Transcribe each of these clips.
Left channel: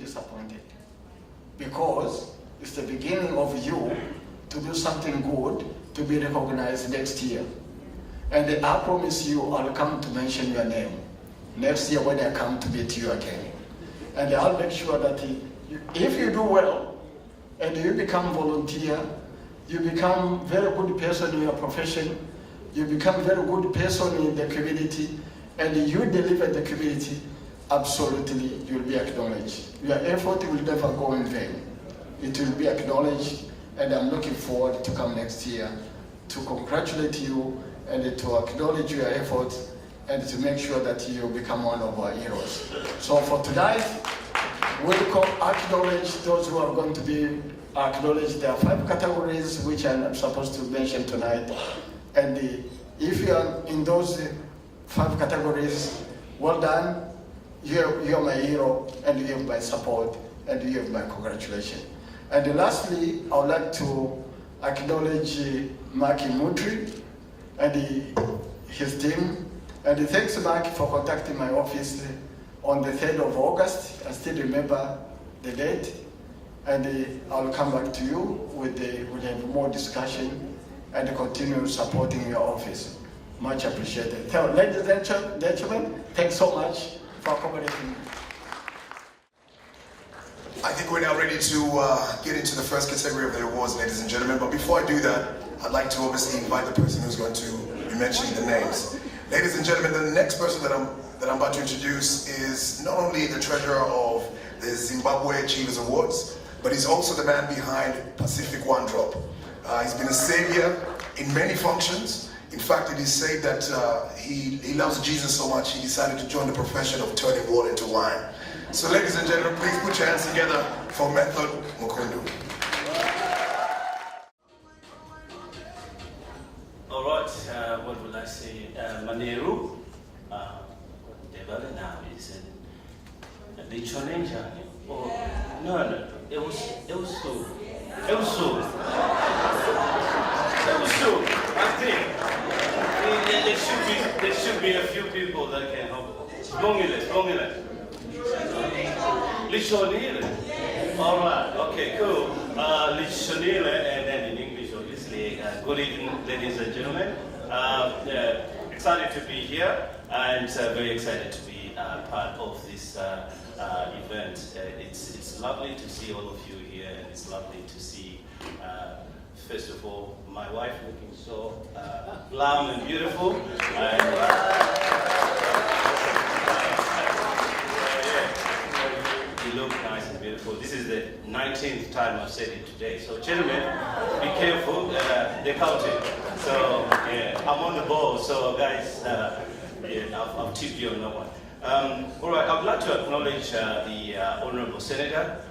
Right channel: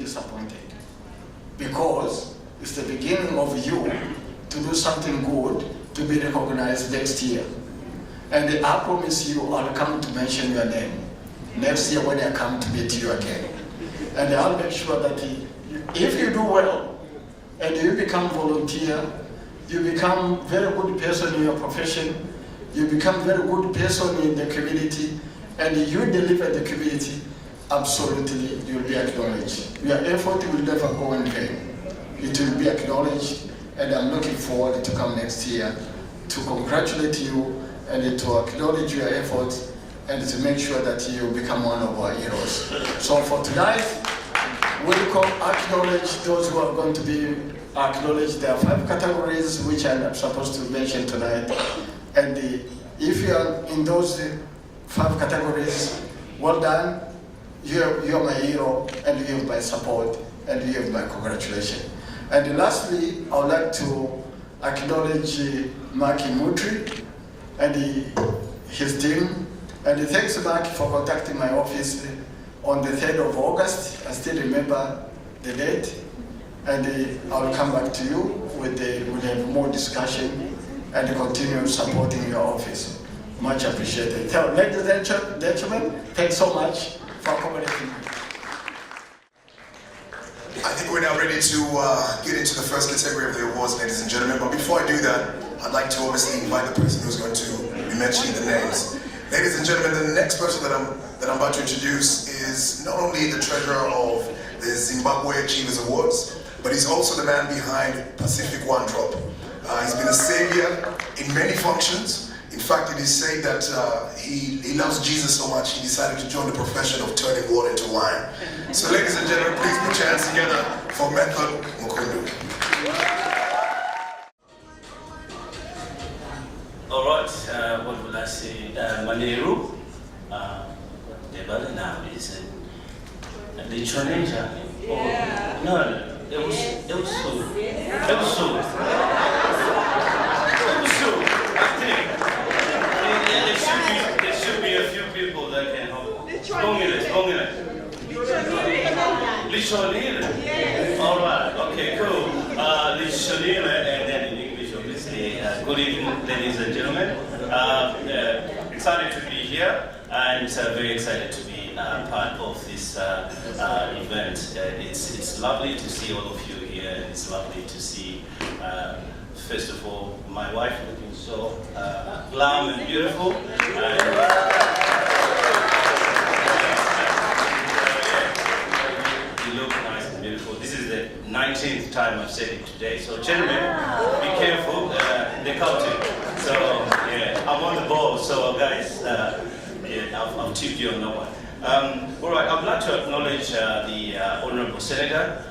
disappointed, because it's the beginning of you to do something good to be recognized next year. And I promise you, I'll come to mention your name next year when I come to meet you again. And I'll make sure that if you do well and you become volunteer, you become very good person in your profession, you become very good person in the community, and you deliver the community, absolutely you'll be acknowledged. Your effort will never go in vain. It will be acknowledged, and I'm looking forward to come next year to congratulate you and to acknowledge your efforts and to make sure that you become one of our heroes. So for tonight, we'll acknowledge those who are going to be acknowledged. There are 5 categories which I'm supposed to mention tonight. And if you are in those 5 categories, well done. You're my hero, and you have my support, and you have my congratulations. And lastly, I would like to acknowledge Maki Mutri and his team. And thanks, Maki, for contacting my office on the 3rd of August. I still remember the date. And I will come back to you with more discussion and continue supporting your office. Much appreciated. So, ladies and gentlemen, thanks so much for accommodating me. I think we're now ready to get into the first category of the awards, ladies and gentlemen. But before I do that, I'd like to obviously invite the person who's going to be mentioning the names. Ladies and gentlemen, the next person that I'm about to introduce is not only the treasurer of the Zimbabwe Achievers Awards, but he's also the man behind Pacific One Drop. He's been a savior in many functions. In fact, it is said that he loves Jesus so much, he decided to join the profession of turning water into wine. So ladies and gentlemen, please put your hands together for Method Nkundu. All right, what will I say? Maneru, now is the challenge. No, it was so. I think there should be a few people that can help. Long Lichonile. All right. Okay. Cool. Lichonile, and then in English, obviously. Good evening, ladies and gentlemen. Excited to be here, and very excited to be part of this event. It's lovely to see all of you here, and it's lovely to see. First of all, my wife looking so glam and beautiful. You look nice and beautiful. This is the 19th time I've said it today. So gentlemen, be careful, they're counting. So yeah, I'm on the ball, so guys, I'll tip you on that one. All right, I'd like to acknowledge the Honorable Senator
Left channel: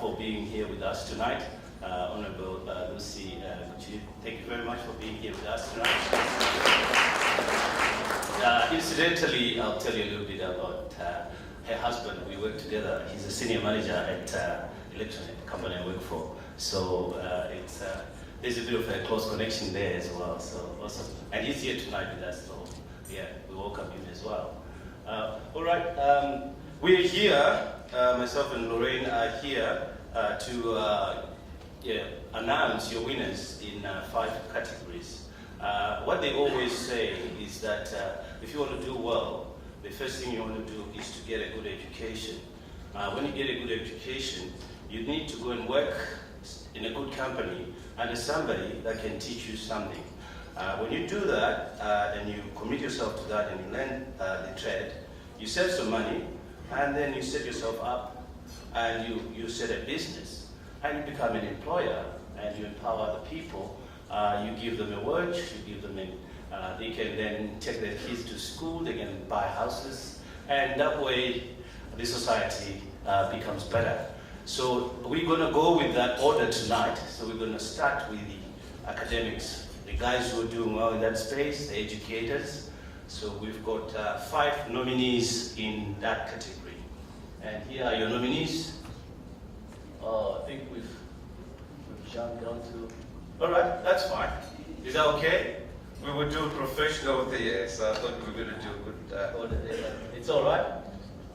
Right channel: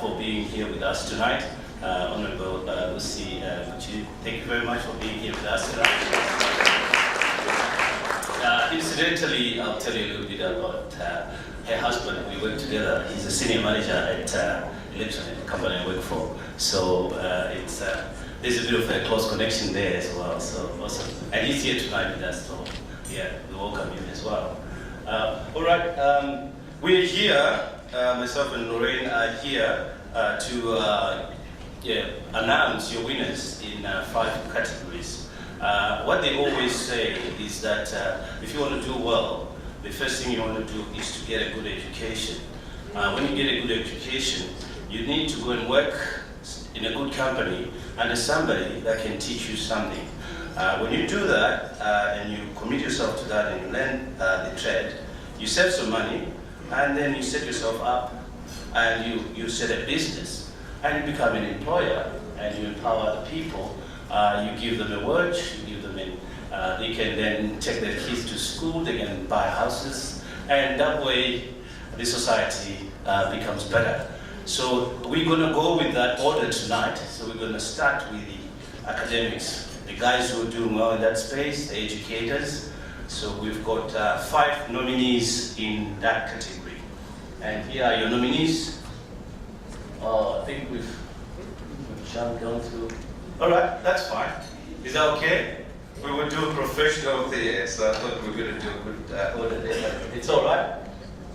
for being here with us tonight. Honorable Lucy Gucci, thank you very much for being here with us tonight. Incidentally, I'll tell you a little bit about her husband. We work together. He's a senior manager at electronic company I work for. So there's a bit of a close connection there as well. So awesome. And he's here tonight with us. So yeah, we welcome him as well. All right, we're here. Myself and Lorraine are here to announce your winners in 5 categories. What they always say is that if you want to do well, the first thing you want to do is to get a good education. When you get a good education, you need to go and work in a good company under somebody that can teach you something. When you do that and you commit yourself to that and learn the trade, you save some money, and then you set yourself up and you set a business, and you become an employer, and you empower the people. You give them a wage, you give them they can then take their kids to school, they can buy houses, and that way the society becomes better. So we're going to go with that order tonight. So we're going to start with the academics, the guys who are doing well in that space, the educators. So we've got 5 nominees in that category. And here are your nominees. I think we've jumped down to... All right, that's fine. Is that okay? We would do a professional of the year, so I thought we were going to do a good order there. It's all right.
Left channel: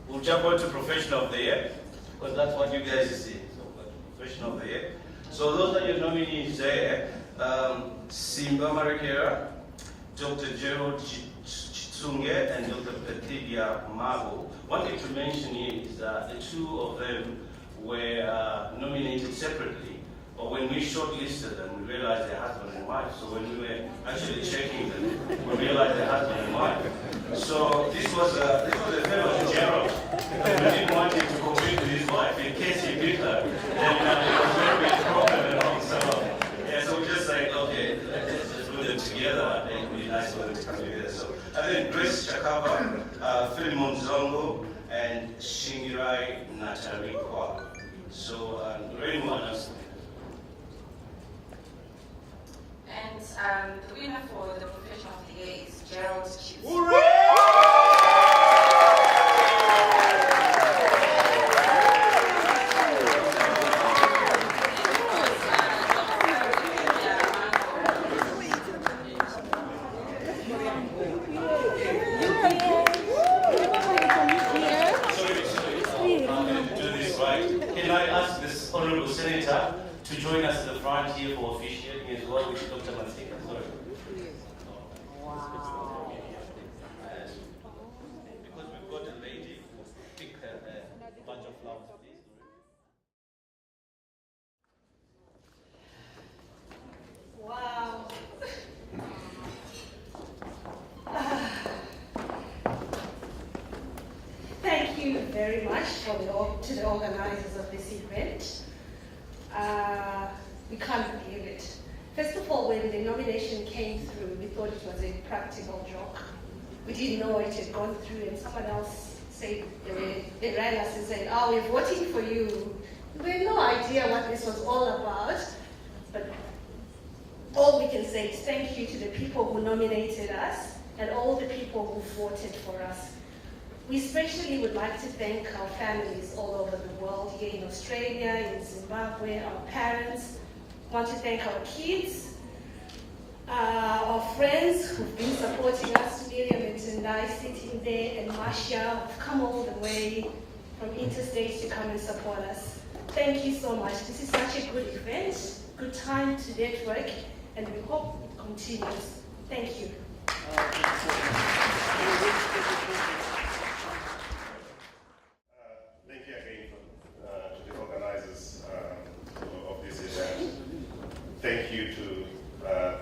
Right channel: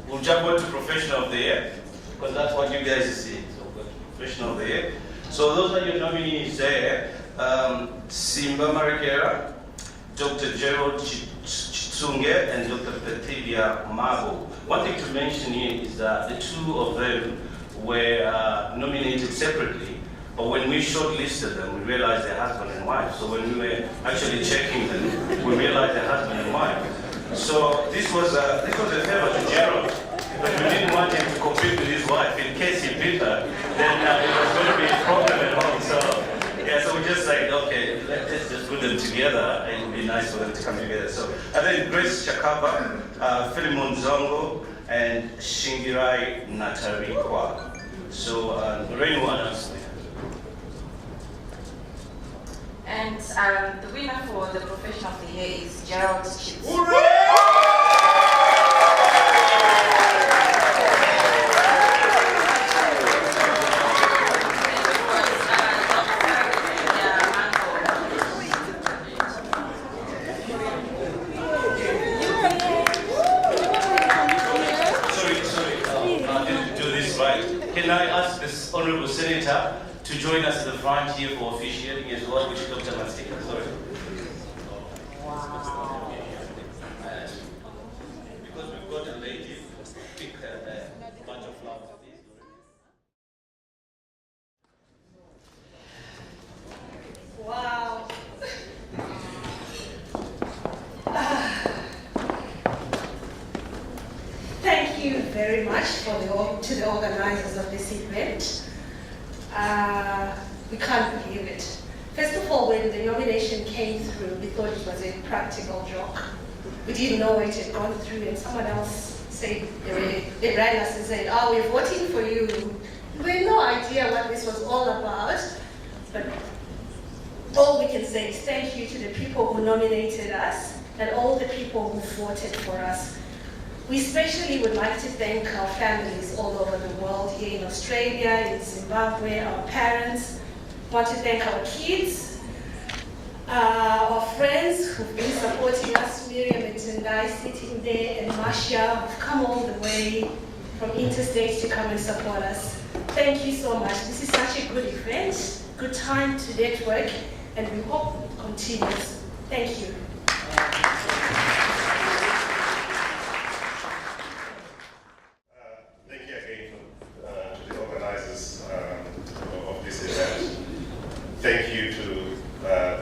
We'll jump on to professional of the year. because that's what you guys see. So professional of the year. So those are your nominees there. Simba Marikera, Dr. Gerald Chitsunge, and Dr. Petilia Mago. One thing to mention here is that the two of them were nominated separately, but when we shortlisted them, we realized they're husband and wife. So when we were actually checking them, we realized they're husband and wife. So this was a favor to Gerald. We didn't want him to compete with his wife in case he beat her. Then it was going to be a problem and all. So yeah, so we just like, okay, let's just put them together. It would be nice for them to come together. So and then Grace Chakaba, Philemon Zongo, and Shingirai Natarikwa. So anyone else? And the winner for the profession of the year is Gerald Chips. Can I ask this Honorable Senator to join us at the front here for officiating as well, which is Dr. Masika. Sorry. Because we've got a lady, pick a bunch of flowers. Wow. Thank you very much to the organizers of this event. We can't believe it. First of all, when the nomination came through, we thought it was a practical joke. We didn't know it had gone through, and someone else said, they rang us and said, oh, we're voting for you. We had no idea what this was all about, but all we can say is thank you to the people who nominated us and all the people who voted for us. We especially would like to thank our families all over the world, here in Australia, in Zimbabwe, our parents. I want to thank our kids, our friends who've been supporting us, Miriam and Tendai sitting there, and Marcia, who've come all the way from interstate to come and support us. Thank you so much. This is such a good event, good time to network, and we hope it continues. Thank you. Thank you again to the organizers of this event. Thank you to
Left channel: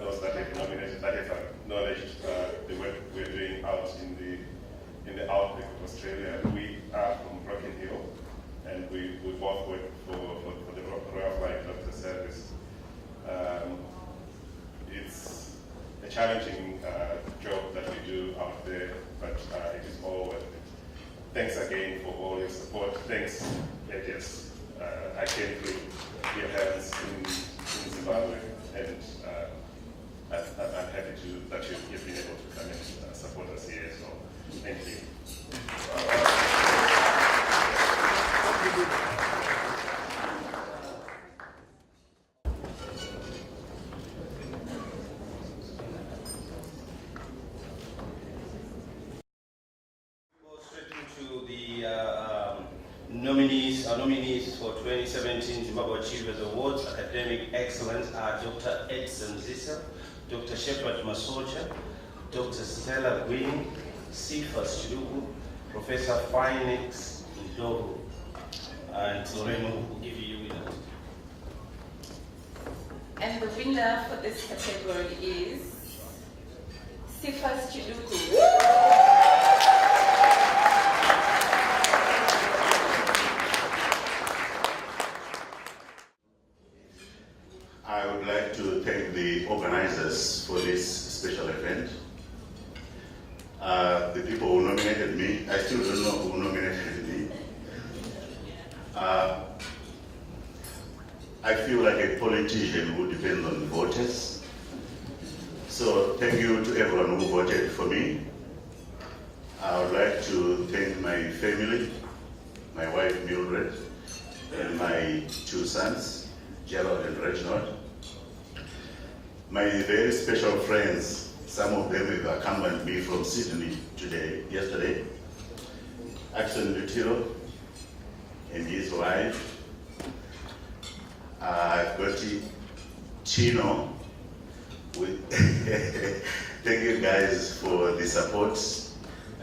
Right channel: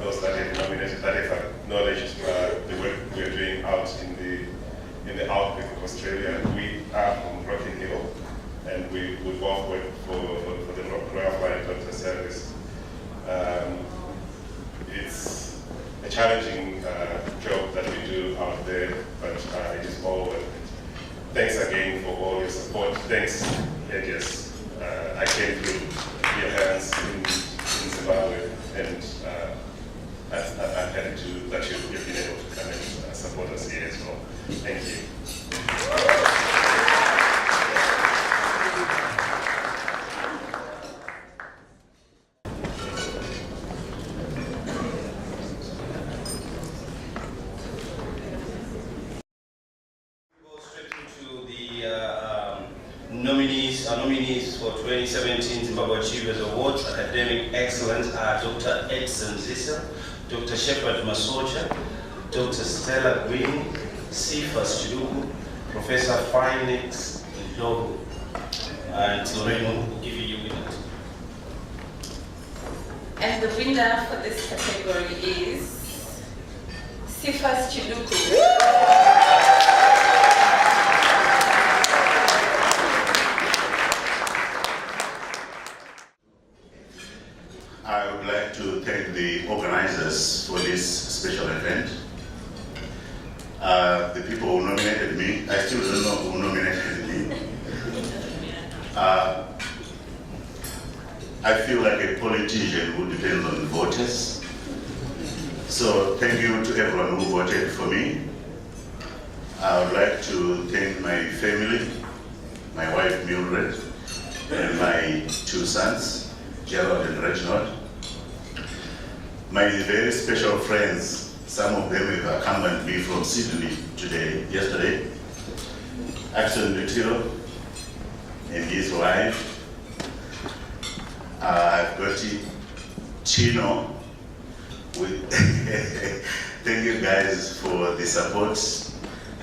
those that have nominated, that have acknowledged the work we are doing out in the outback of Australia. We are from Rocky Hill, and we both work for the Royal Flying Doctor Service. It's a challenging job that we do out there, but it is all worth it. Thanks again for all your support. Thanks, Edges. I came through your hands in Zimbabwe, and I'm happy that you've been able to come and support us here as well. Thank you. Our nominees for 2017 Zimbabwe Achievers Awards, Academic Excellence are Dr. Edson Zisa, Dr. Shepard Masocha, Dr. Stella Green, Cephas Chiduku, Professor Phoenix Ndlovu, and Loreno will give you your winner. And the winner for this category is Cephas Chiduku. I would like to thank the organizers for this special event. The people who nominated me, I still don't know who nominated me. I feel like a politician who depends on the voters. So thank you to everyone who voted for me. I would like to thank my family, my wife Mildred, and my two sons, Gerald and Reginald. My very special friends, some of them have accompanied me from Sydney yesterday. Axel Lutiro, and his wife. I've got Chino. Thank you guys for the support,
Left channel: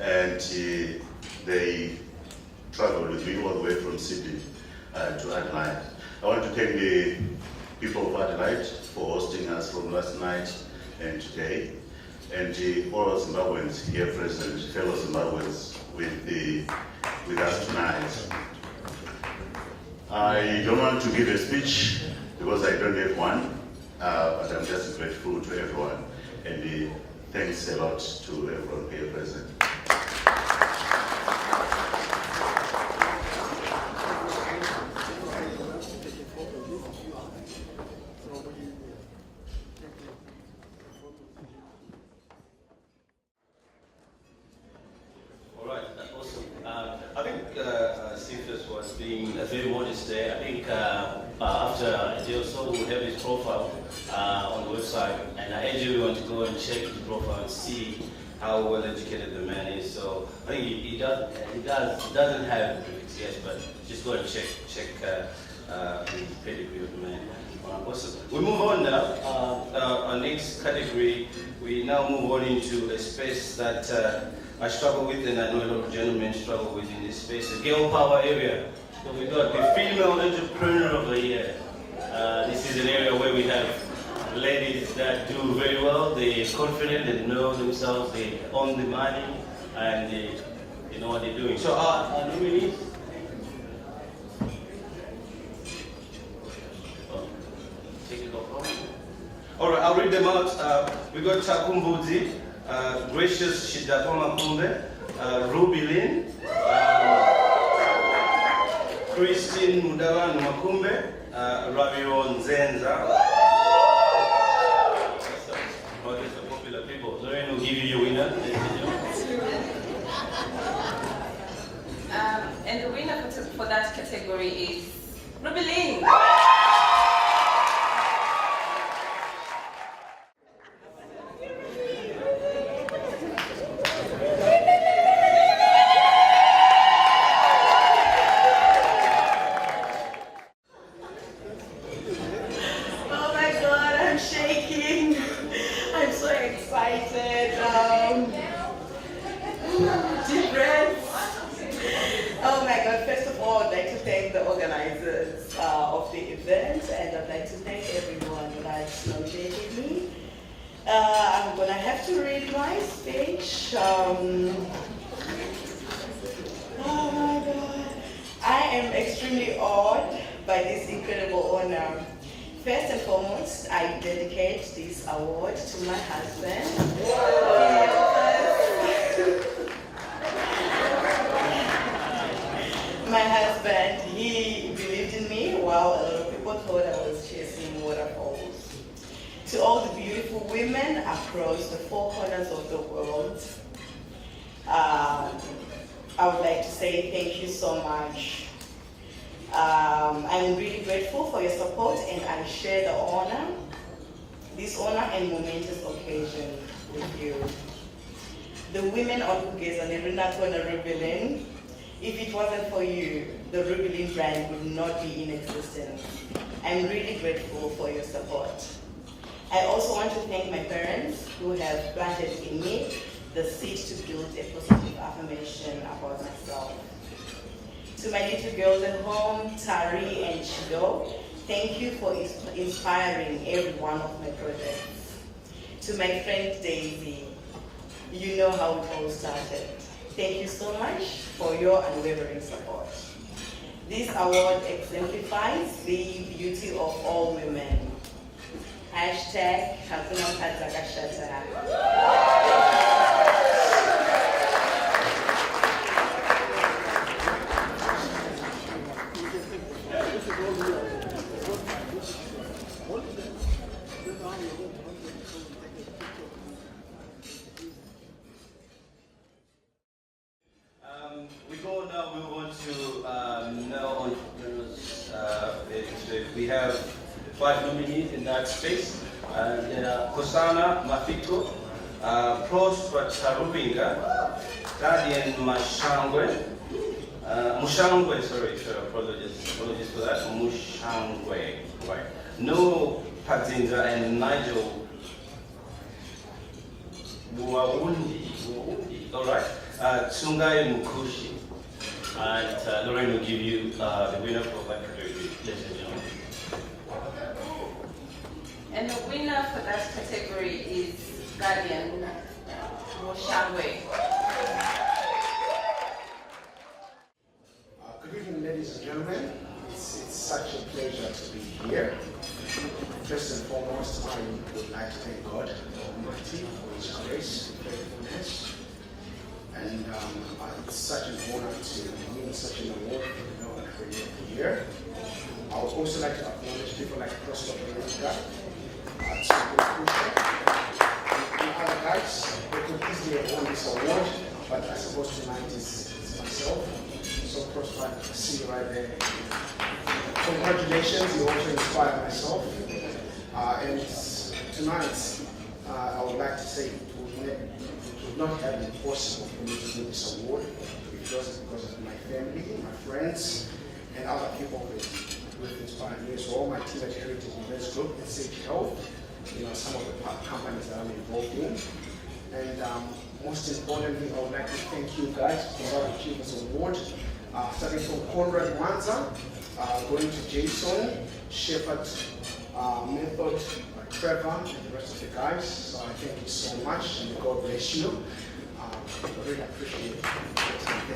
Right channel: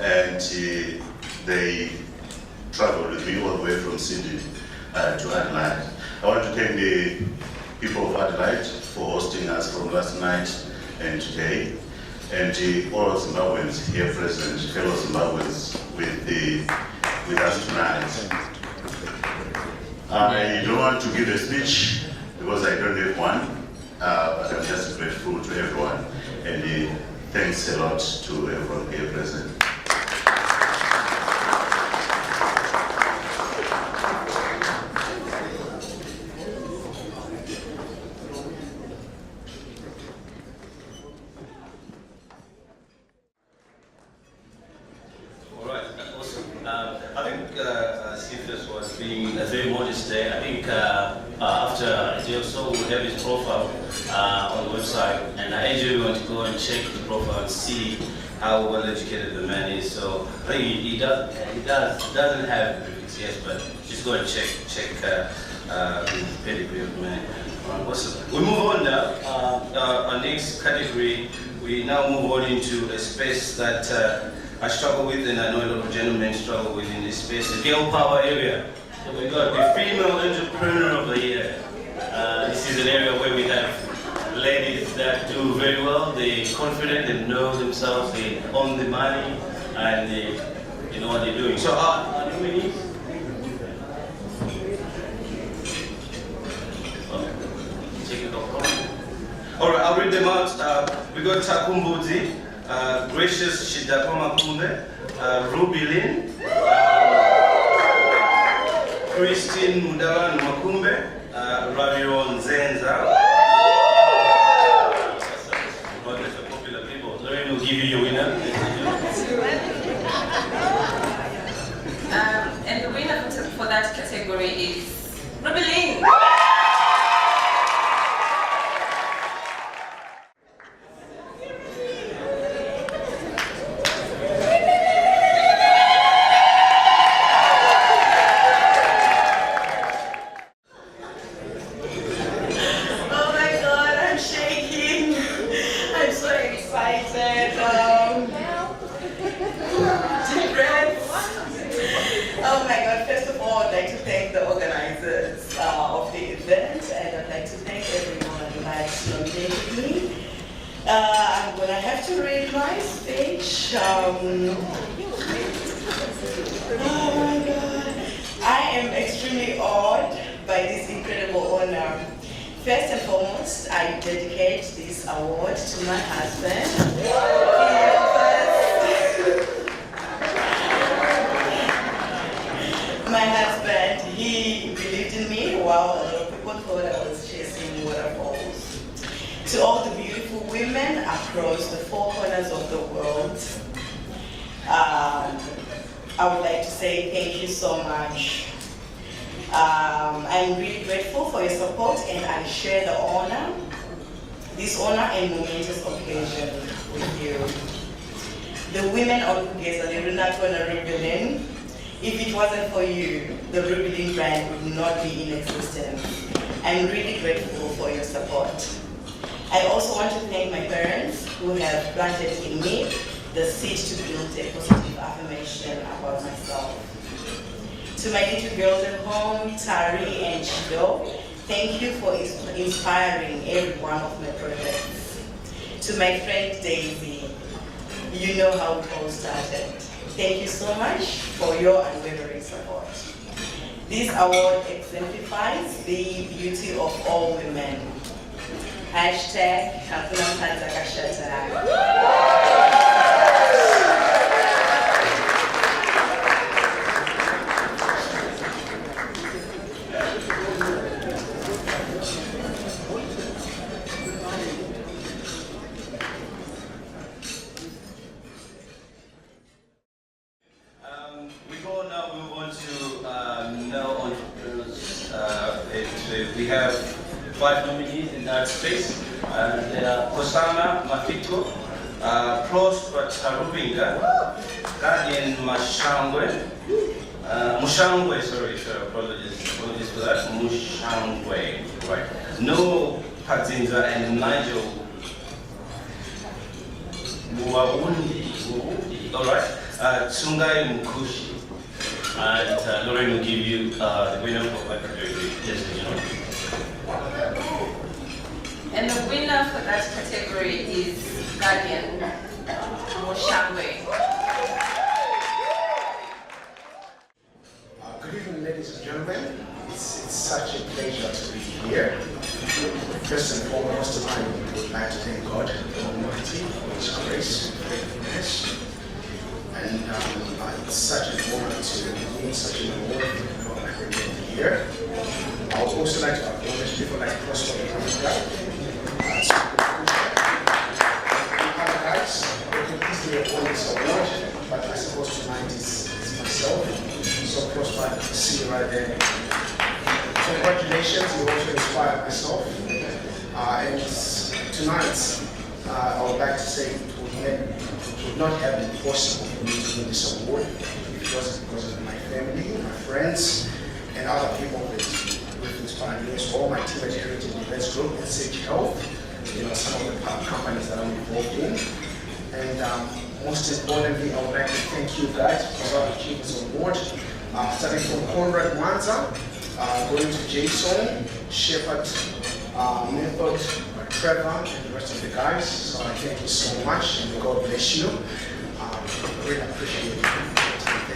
and they traveled with me all the way from Sydney to Adelaide. I want to thank the people of Adelaide for hosting us from last night and today, and all Zimbabweans here present, fellow Zimbabweans with us tonight. I don't want to give a speech because I don't have one, but I'm just grateful to everyone, and thanks a lot to everyone here present. I think Cephas was being very modest there. I think after he also will have his profile on the website, and I urge everyone to go and check the profile and see how well educated the man is. So I think he doesn't have the prefix, yes, but just go and check the pedigree of the man. Awesome. We move on now. Our next category, we now move on into a space that I struggle with, and I know a lot of gentlemen struggle with in this space, the girl power area. So we got the female entrepreneur of the year. This is an area where we have ladies that do very well. They're confident, they know themselves, they own the money, and they know what they're doing. So our nominees. All right, I'll read them out. We got Takumbuzi, Gracious Shidakoma Kumbe, Ruby Lynn, Christine Mudawa Makumbe, Ramiro Nzenza. Not just the popular people. Lorraine will give you your winner. And the winner for that category is Ruby Lynn. I'm gonna have to read my speech. Oh my God. I am extremely awed by this incredible honor. First and foremost, I dedicate this award to my husband. My husband, he believed in me while a lot of people thought I was chasing waterfalls. To all the beautiful women across the four corners of the world, I would like to say thank you so much. I'm really grateful for your support, and I share the honor, this honor and momentous occasion with you. The women of Kugeza, the Runatwana Ruby, if it wasn't for you, the Ruby brand would not be in existence. I'm really grateful for your support. I also want to thank my parents who have planted in me the seed to build a positive affirmation about myself. To my little girls at home, Tari and Chido, thank you for inspiring every one of my projects. To my friend Daisy, you know how it all started. Thank you so much for your unwavering support. This award exemplifies the beauty of all women. Hashtag Hakuna Mkaza Kashata. We have 5 nominees in that space. There are Kosana Mafiko, Prosper Tarubinga, Guardian Mashangwe, Mushangwe, sorry, apologies for that. Mushangwe, right. No Padzinza and Nigel Muawundi, all right. Tsungai Mukushi, and Lorraine will give you the winner for that category. Yes, you know. And the winner for that category is Guardian Mushangwe. Good evening, ladies and gentlemen. It's such a pleasure to be here. First and foremost, I would like to thank God Almighty for His grace and faithfulness. And it's such an honor to win such an award at the end of the year. I would also like to acknowledge people like Prosper Africa. And other guys, they could easily have won this award, but I suppose tonight is myself. So Prosper, to see you right there. So congratulations, you also inspired myself. And tonight, I would like to say it would not have been possible for me to win this award if it wasn't because of my family, my friends, and other people who've inspired me. So all my team at Heritage Events Group and Sage Health, you know, some of the companies that I'm involved in. And most importantly, I would like to thank you guys for our Achievers Award. Starting from Conrad Wanza, going to Jason, Shepard, Method, Trevor, and the rest of the guys. So I thank you so much, and God bless you. I really appreciate it. Thank you.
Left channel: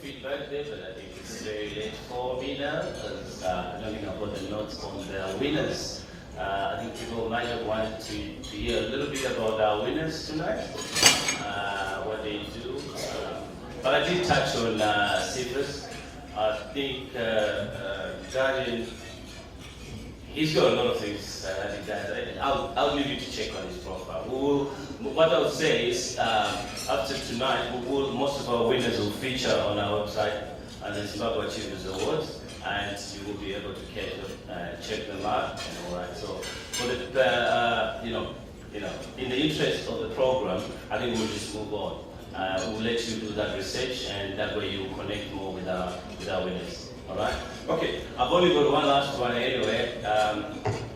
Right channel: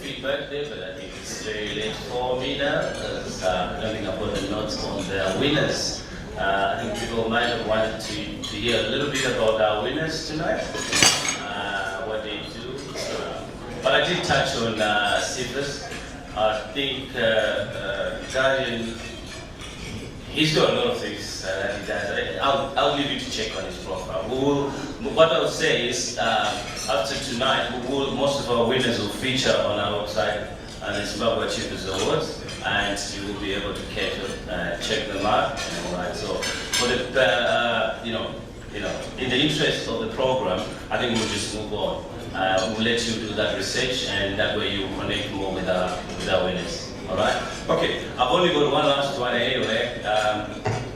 Feedback there, but I think it's very late for me now because I don't think I've got the notes on the winners. I think people might have wanted to hear a little bit about our winners tonight, what they do. But I did touch on Cephas. I think Guardian, he's got a lot of things that he does. I'll leave you to check on his profile. What I'll say is, after tonight, most of our winners will feature on our website and the Zimbabwe Achievers Awards, and you will be able to check them out and all that. So, for the in the interest of the program, I think we'll just move on. We'll let you do that research, and that way you connect more with our winners. All right. Okay. I've only got one last one anyway.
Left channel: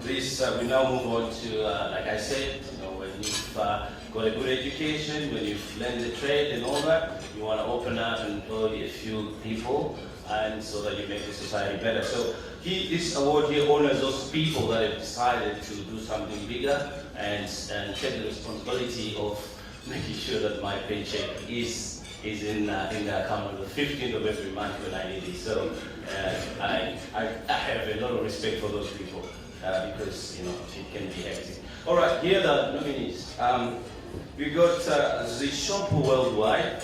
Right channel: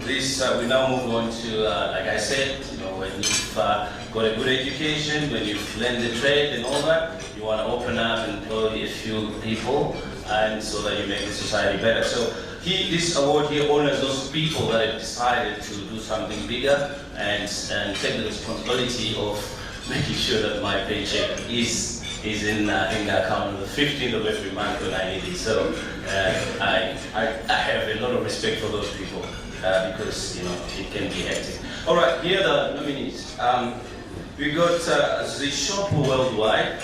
We now move on to, like I said, you know, when you've got a good education, when you've learned the trade and all that, you want to open up and employ a few people, and so that you make the society better. So this award here honors those people that have decided to do something bigger and take the responsibility of making sure that my paycheck is in the account on the 15th of every month when I need it. So I have a lot of respect for those people because, you know, it can be hectic. All right, here are the nominees. We got the Shop Worldwide,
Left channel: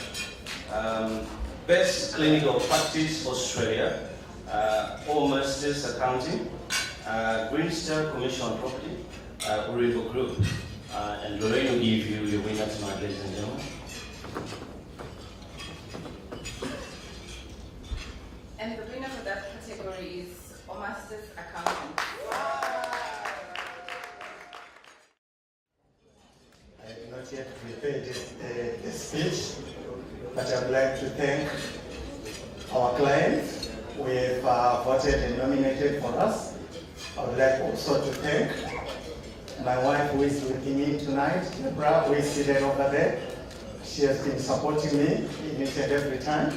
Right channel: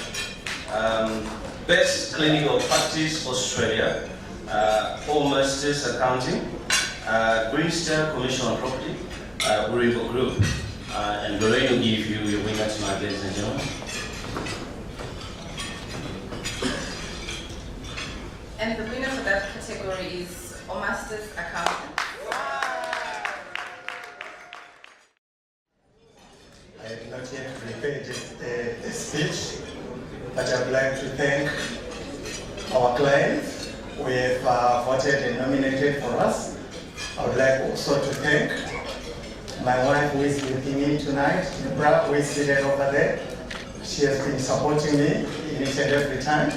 Best Clinical Practice Australia, All Masters Accounting, Green Star Commercial and Property, Uribo Group, and Lorraine will give you your winner tonight, ladies and gentlemen. And the winner for that category is Masters Accountant. I have not yet prepared a speech, but I would like to thank our clients who have voted and nominated for us. I would like also to thank my wife who is with me tonight, Deborah, who is seated over there. She has been supporting me in each and every time.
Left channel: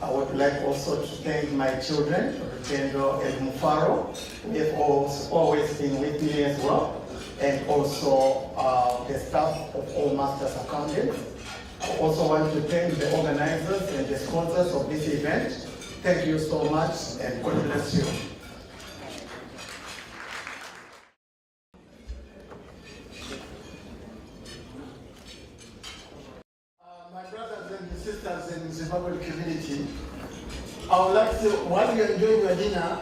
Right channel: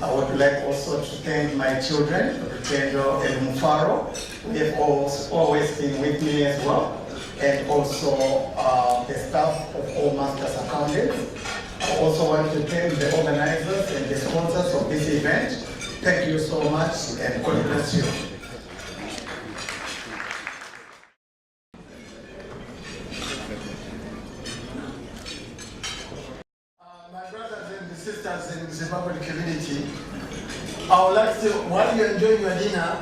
I would like also to thank my children, Rutendo and Mufaro, who have always been with me as well, and also the staff of All Masters Accountants. I also want to thank the organizers and the sponsors of this event. Thank you so much, and God bless you. My brothers and sisters in the Zimbabwean community, I would like to, while you're enjoying your dinner,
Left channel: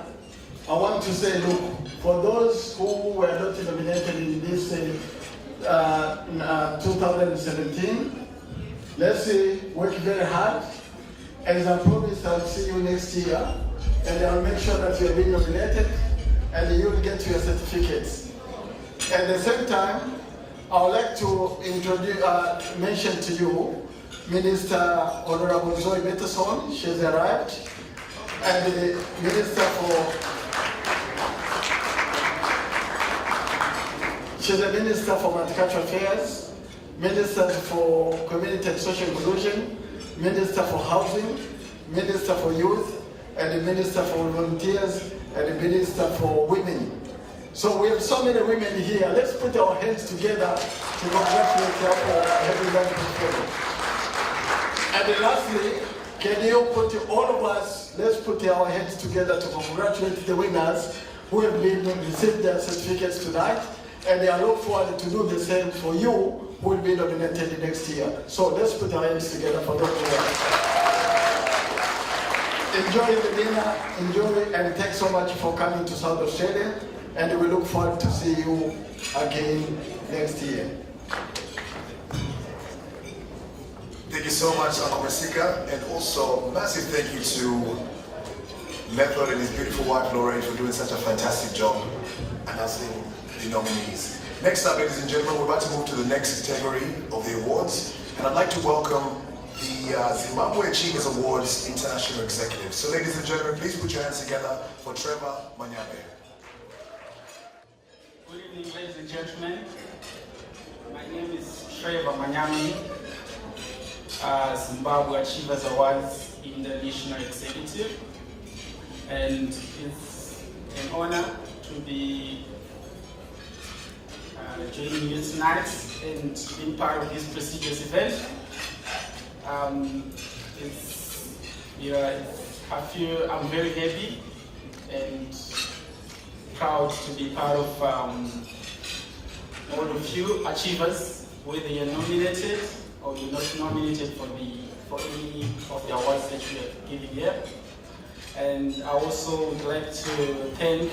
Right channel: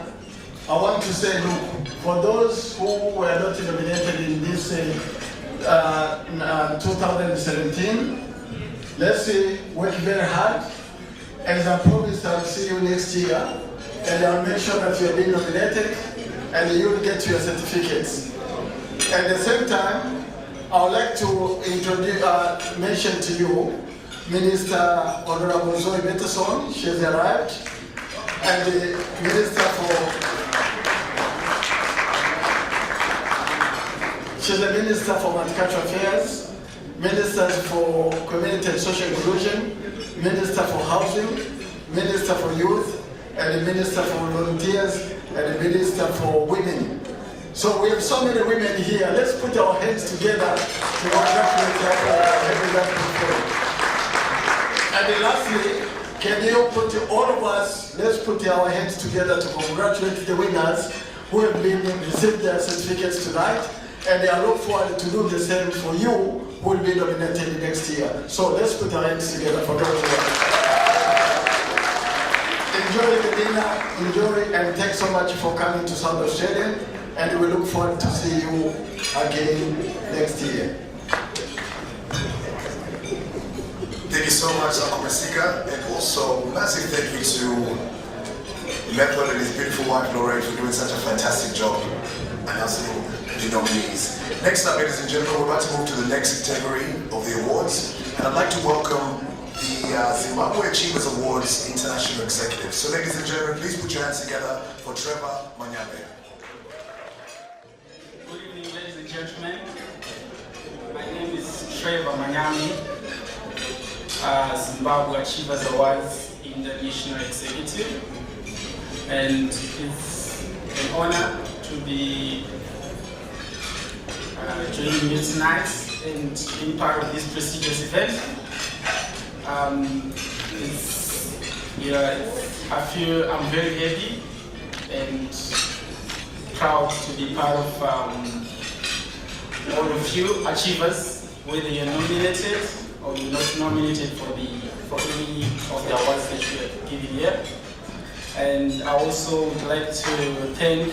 I want to say, look, for those who were not nominated in this 2017, let's work very hard. As I promised, I'll see you next year. and I'll make sure that you're being nominated, and you'll get your certificates. At the same time, I would like to introduce, mention to you Minister Honorable Zoe Beterson. She has arrived, and the Minister she's the Minister for Multicultural Affairs, Minister for Community and Social Inclusion, Minister for Housing, Minister for Youth, and the Minister for Volunteers, and the Minister for Women. So we have so many women here. Let's put our hands together to congratulate her for having that before. And then lastly, can you put all of us, let's put our hands together to congratulate the winners who have received their certificates tonight, and I look forward to do the same for you who will be nominated next year. So let's put our hands together for those who are. Enjoy the dinner, enjoy, and thanks so much for coming to South Australia, and we look forward to see you again next year. Thank you so much, Uncle Masika, and also massive thank you to Method and his beautiful wife Lorraine for doing such a fantastic job announcing the nominees. Next up, ladies and gentlemen, we're about to move to the next category of the awards, and I'd like to welcome the Zimbabwe Achievers Awards International Executive. So ladies and gentlemen, please put your hands together for Trevor Manyame. Good evening, ladies and gentlemen. My name is Trevor Manyame, Zimbabwe Achievers Awards International Executive, and it's an honor to be joining you tonight and being part of this prestigious event. I'm very happy and proud to be part of all of you achievers, whether you're nominated or you're not nominated for any of the awards that we are giving here. And I also would like to thank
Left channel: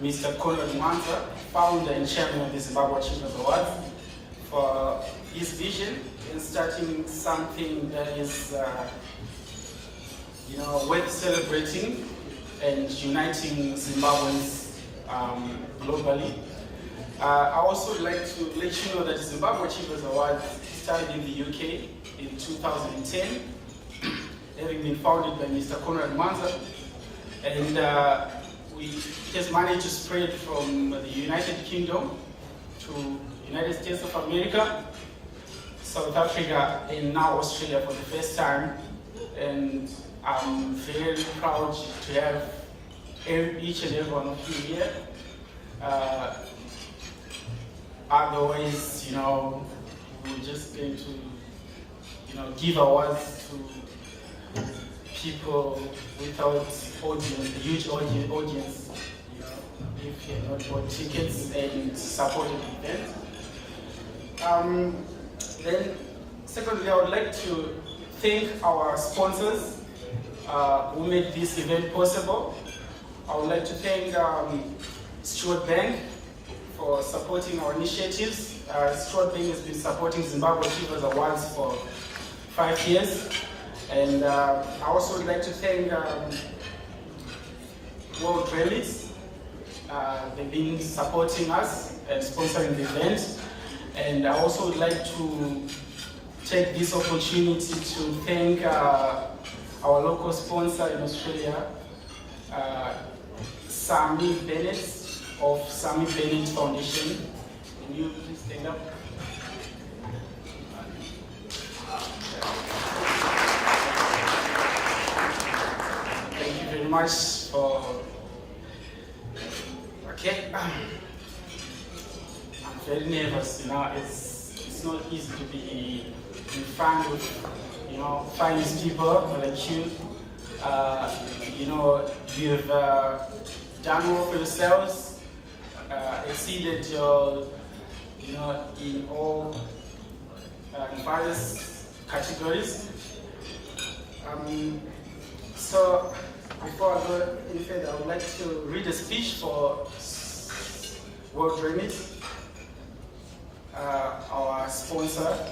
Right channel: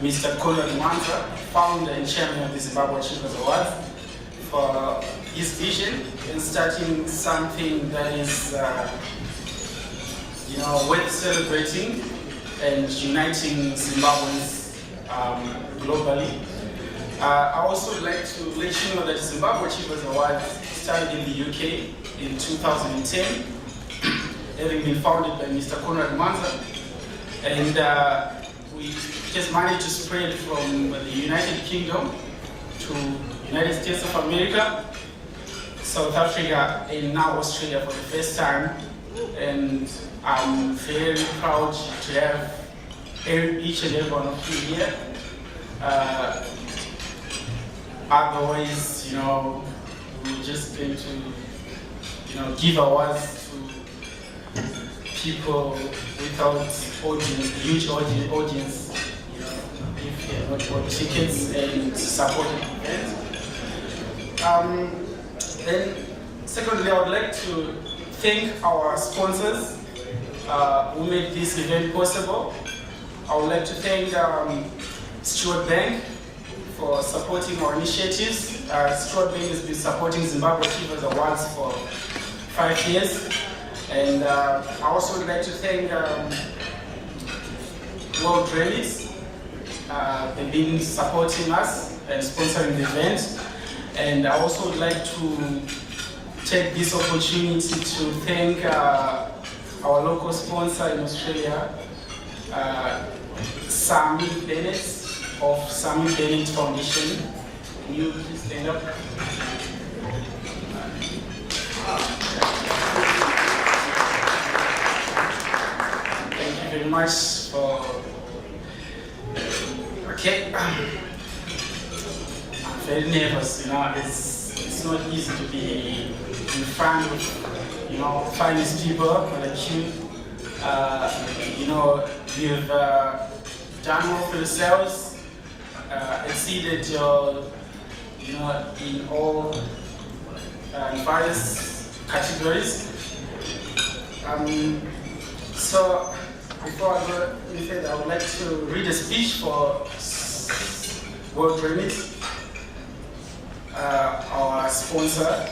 Mr. Conrad Mwanza, founder and chairman of the Zimbabwe Achievers Awards, for his vision in starting something that is worth celebrating and uniting Zimbabweans globally. I also would like to let you know that the Zimbabwe Achievers Awards started in the UK in 2010, having been founded by Mr. Conrad Mwanza, and we just managed to spread from the United Kingdom to United States of America, South Africa, and now Australia for the first time. And I'm very proud to have each and every one of you here. Otherwise, we're just going to, give awards to people without audience, a huge audience, if you not bought tickets and supported the event. Then, secondly, I would like to thank our sponsors who made this event possible. I would like to thank Stuart Bank for supporting our initiatives. Stuart Bank has been supporting Zimbabwe Achievers Awards for 5 years. And I also would like to thank World Remix. They've been supporting us and sponsoring the event. And I also would like to take this opportunity to thank our local sponsor in Australia, Sammy Bennett of Sammy Bennett Foundation. Can you please stand up? Thank you very much for. Okay, I'm very nervous. It's not easy to be in front of finest people like you. You've done well for yourselves, exceeded your, in all various categories. So before I go any further, I would like to read a speech for World Remix, our sponsor.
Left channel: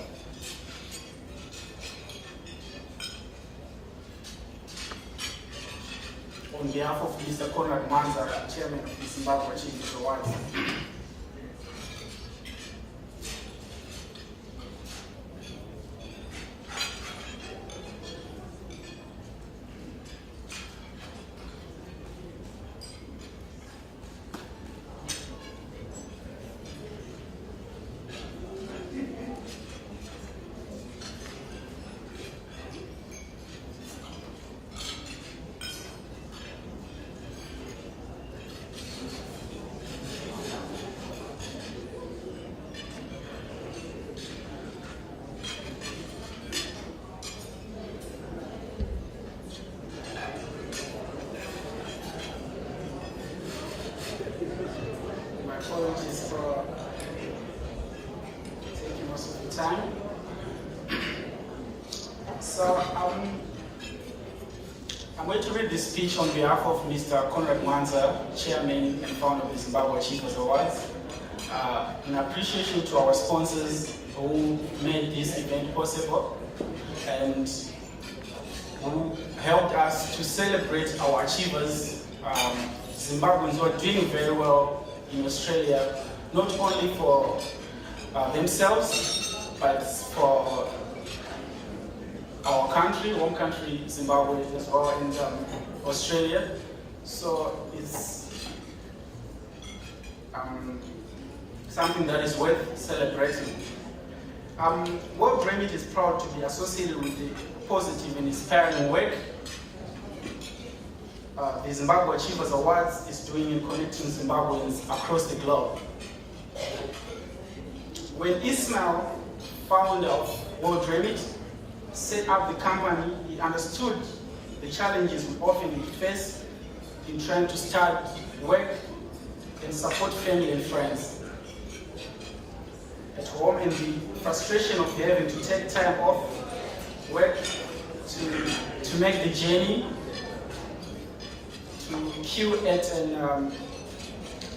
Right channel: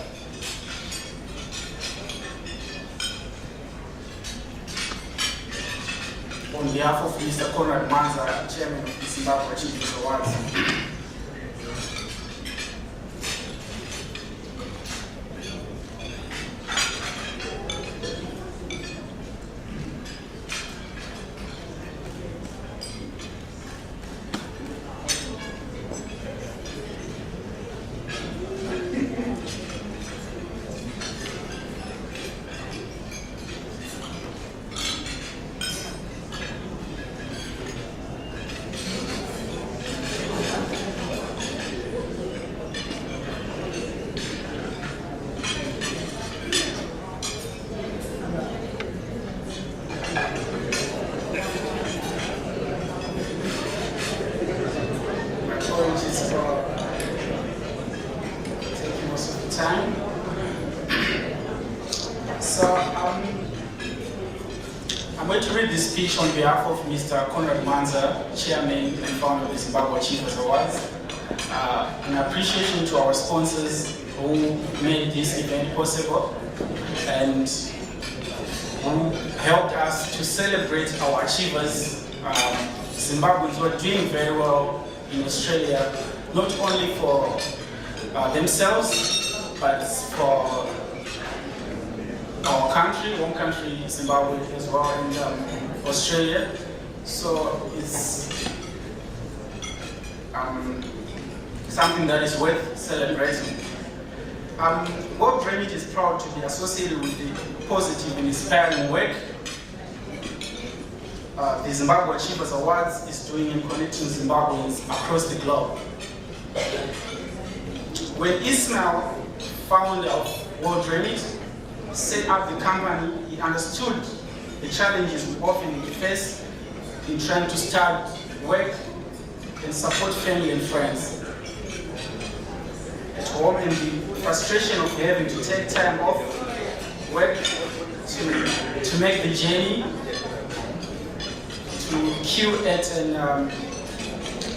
on behalf of Mr. Conrad Manza, Chairman of the Zimbabwe Achievers Awards. Apologies for taking most of the time. So I'm going to read this speech on behalf of Mr. Conrad Manza, Chairman and founder of the Zimbabwe Achievers Awards. An appreciation to our sponsors who made this event possible and who helped us to celebrate our achievers. Zimbabweans were doing very well in Australia, not only for themselves, but for our country, home country, Zimbabwe as well, and Australia. So it's something that is worth celebrating. World Remit is proud to be associated with the positive and inspiring work the Zimbabwe Achievers Awards is doing in connecting Zimbabweans across the globe. When Ismail, founder of World Remit, set up the company, he understood the challenges we often face in trying to start, work, and support family and friends at home, and the frustration of having to take time off work to make the journey to queue at an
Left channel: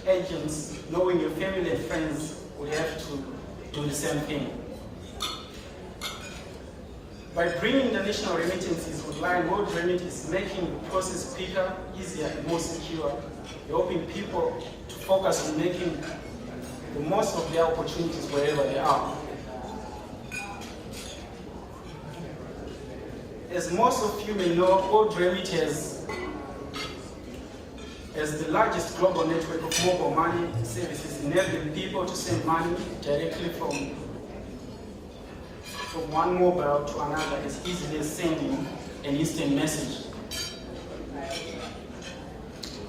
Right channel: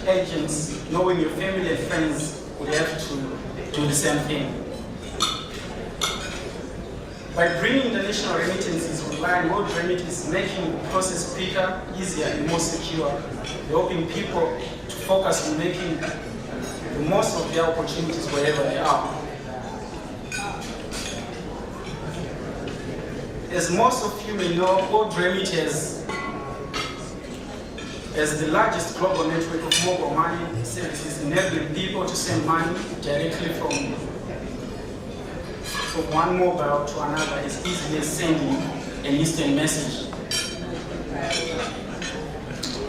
agents, knowing your family and friends would have to do the same thing. By bringing international remittances online, World Remit is making the process quicker, easier, and more secure, helping people to focus on making the most of their opportunities wherever they are. As most of you may know, World Remit as the largest global network of mobile money services, enabling people to send money directly from one mobile to another as easily as sending an instant message.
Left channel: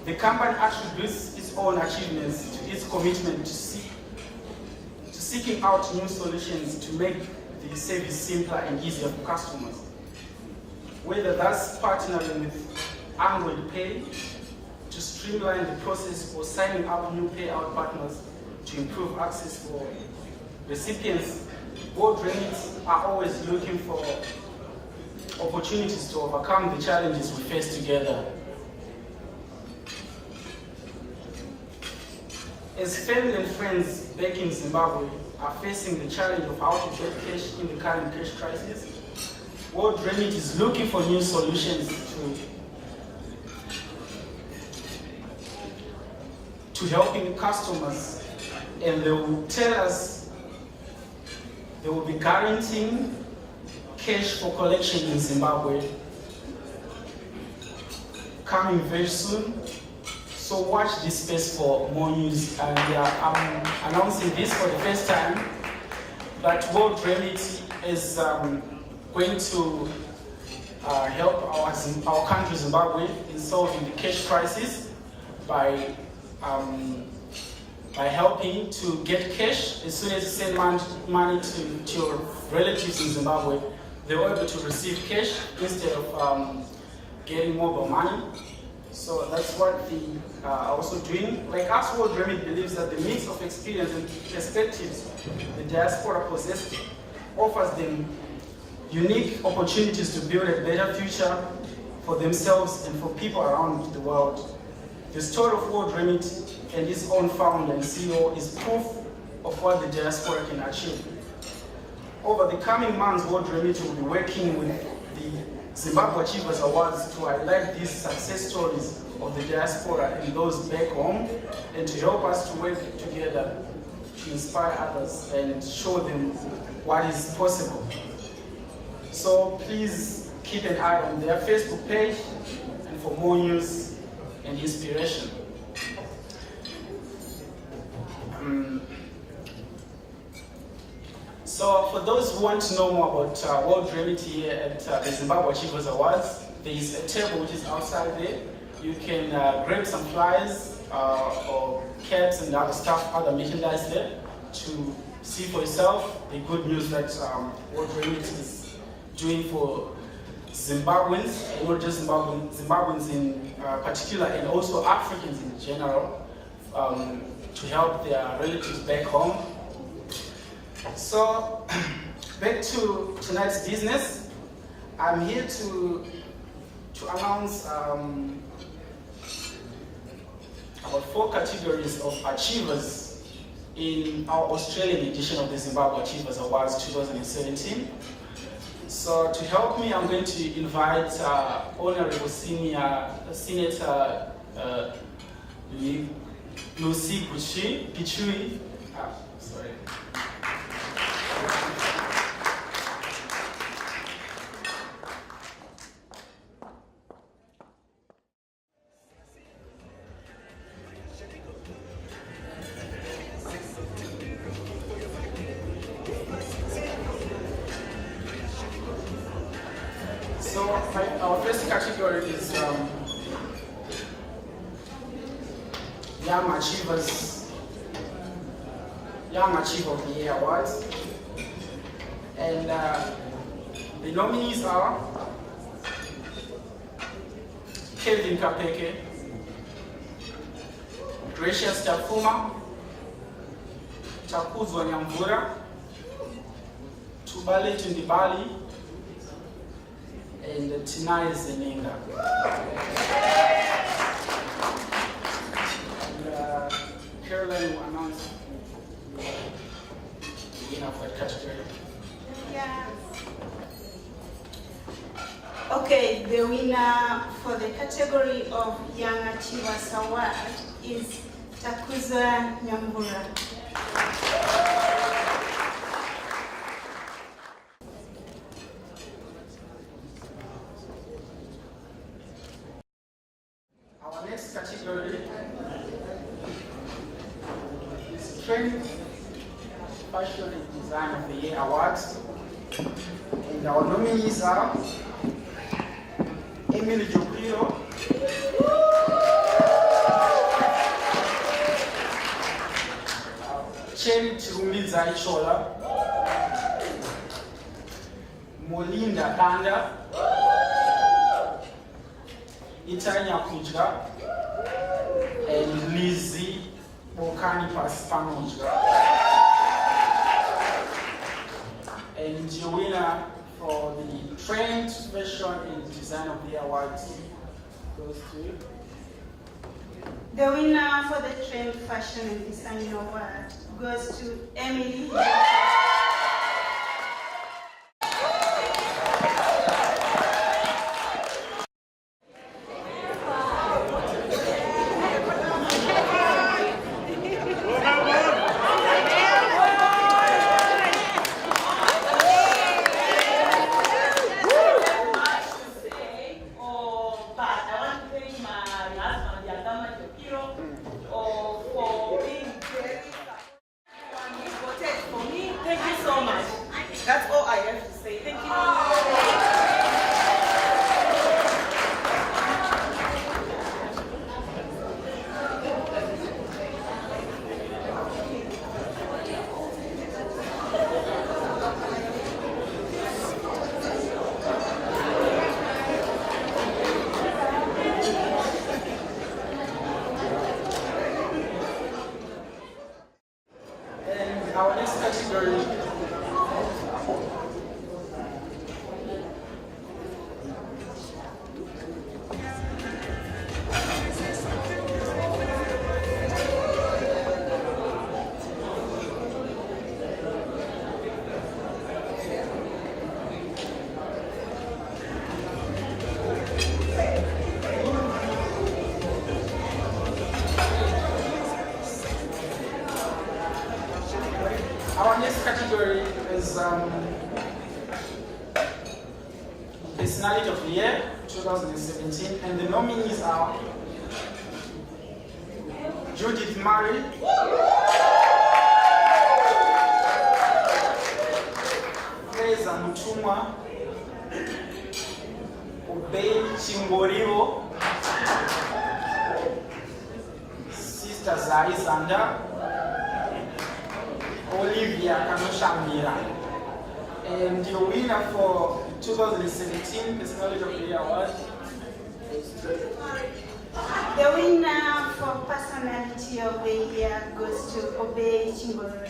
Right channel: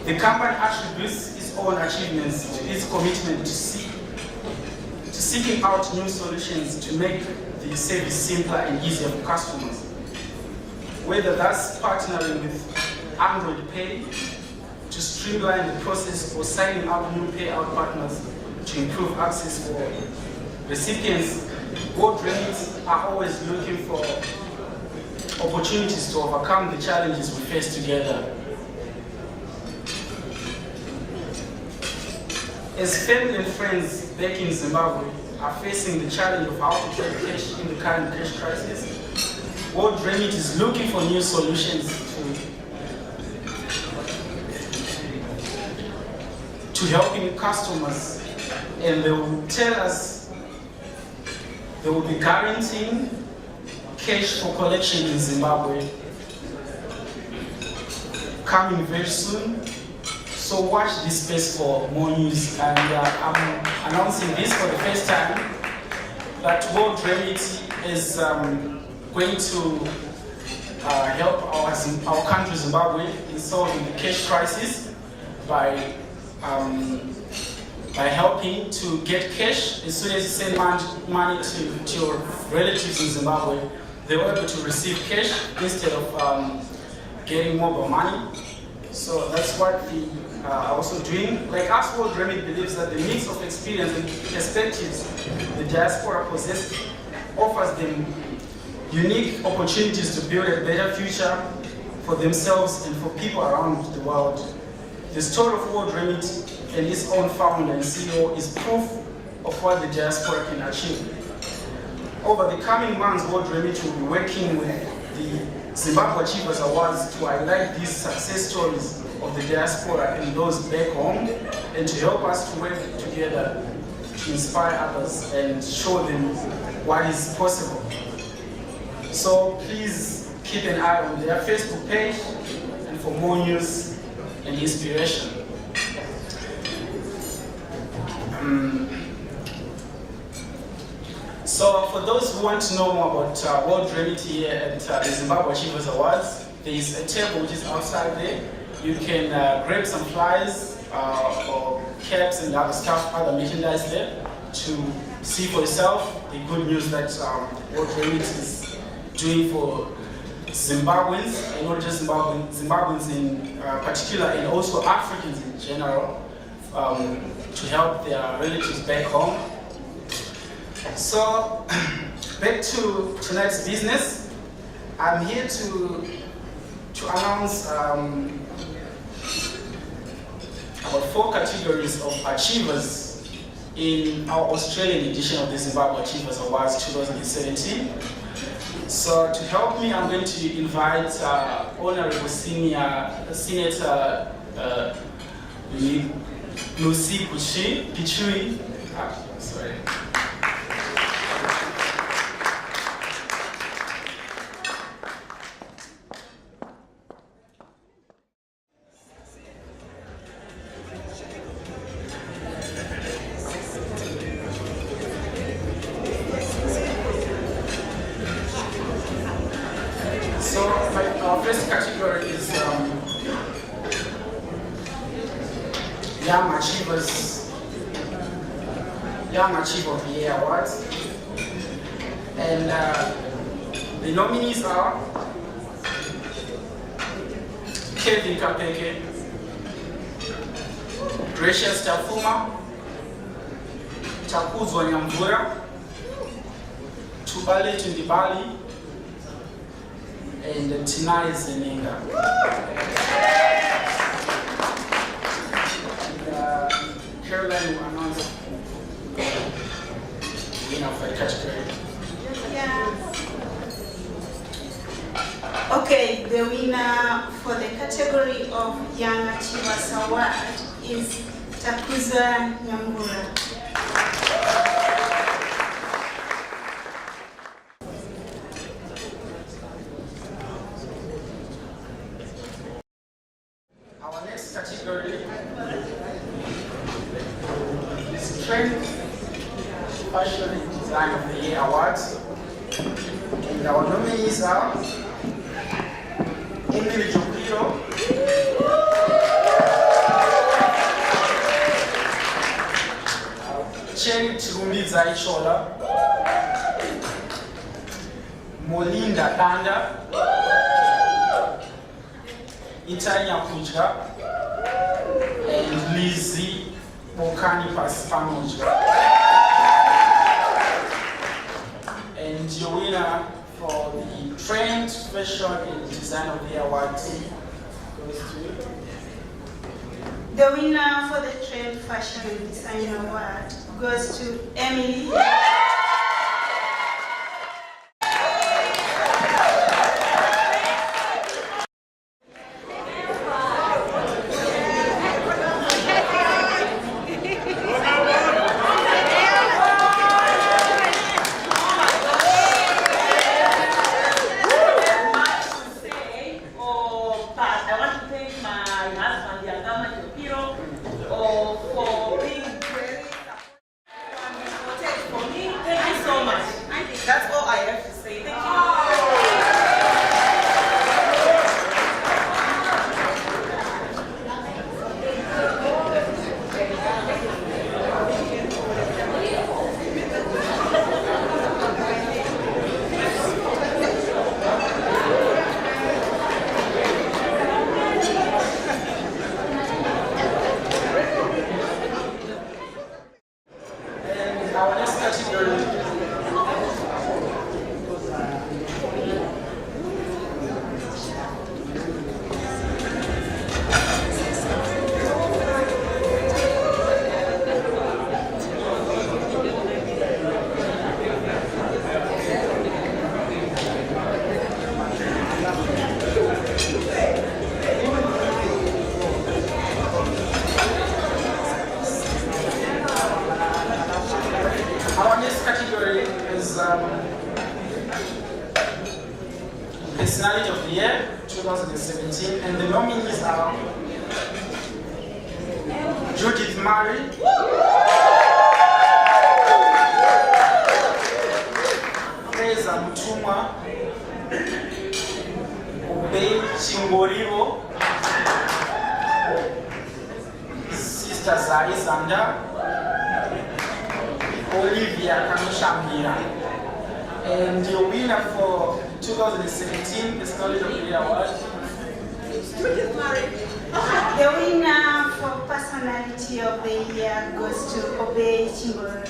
The company attributes its own achievements to its commitment to seeking out new solutions to make the service simpler and easier for customers. Whether that's partnering with Android Pay to streamline the process or signing up new payout partners to improve access for recipients, World Remit are always looking for opportunities to overcome the challenges we face together. As family and friends back in Zimbabwe are facing the challenge of how to get cash in the current cash crisis, World Remit is looking for new solutions to helping customers, and they will tell us they will be guaranteeing cash for collection in Zimbabwe coming very soon. So watch this space for more news, and I'm announcing this for the first time that World Remit is going to help our country Zimbabwe in solving the cash crisis by helping to get cash. As soon as you send money to your relatives in Zimbabwe, they were able to receive cash instead of getting mobile money. So that's what we are also doing. Like us, World Remit believes that the mix of experience and perspectives the diaspora possesses offers them unique opportunities to build a better future for themselves and for people around the world. The story of World Remit and its own founder and CEO is proof of what the diaspora can achieve. Over the coming months, World Remit will be working with the Zimbabwe Achievers Awards to highlight these success stories of the diaspora and those back home, and to help us to work together to inspire others and show them what is possible. So please keep an eye on their Facebook page and for more news and inspiration. So for those who want to know more about World Reality here at the Zimbabwe Achievers Awards, there is a table which is outside there. You can grab some flyers or caps and other stuff, other merchandise there, to see for yourself the good news that World Reality is doing for Zimbabweans, and not just Zimbabweans in particular, and also Africans in general, to help their relatives back home. So, back to tonight's business. I'm here to announce about 4 categories of achievers in our Australian edition of the Zimbabwe Achievers Awards 2017. So to help me, I'm going to invite Honorable Senator Lucy Pichui. Sorry. Our first category is Young Achiever of the Year Awards. And the nominees are Kevin Kapeke, Gracious Tafuma, Takuzwa Nyamvura, Tubale Tundibali, and Tinai Zeninga. Caroline will announce the winner of the category. Yeah. Okay, the winner for the category of Young Achievers Award is Takuzwa Nyambura. Our next category is Strength, Fashion and Design of the Year Awards. And our nominees are Emily Jokiro, Chen Tirumbiza Ichola, Molinda Danda, Itanya Kuja, and Lizzie Bokani Paspanoja. And your winner for the Trend, Fashion and Design of the Awards goes to... The winner for the Trend, Fashion and Design Award goes to Emily. That's all I have to say. Thank you. And our next category Personality of the Year 2017, and the nominees are Judith Murray, Fraser Mutumwa, Obey Chingorivo, Sister Zari Zanda, Olivia Kanushambira. And your winner for 2017 Personality of the Year Award. The winner for Personality of the Year goes to Obey Chingoro.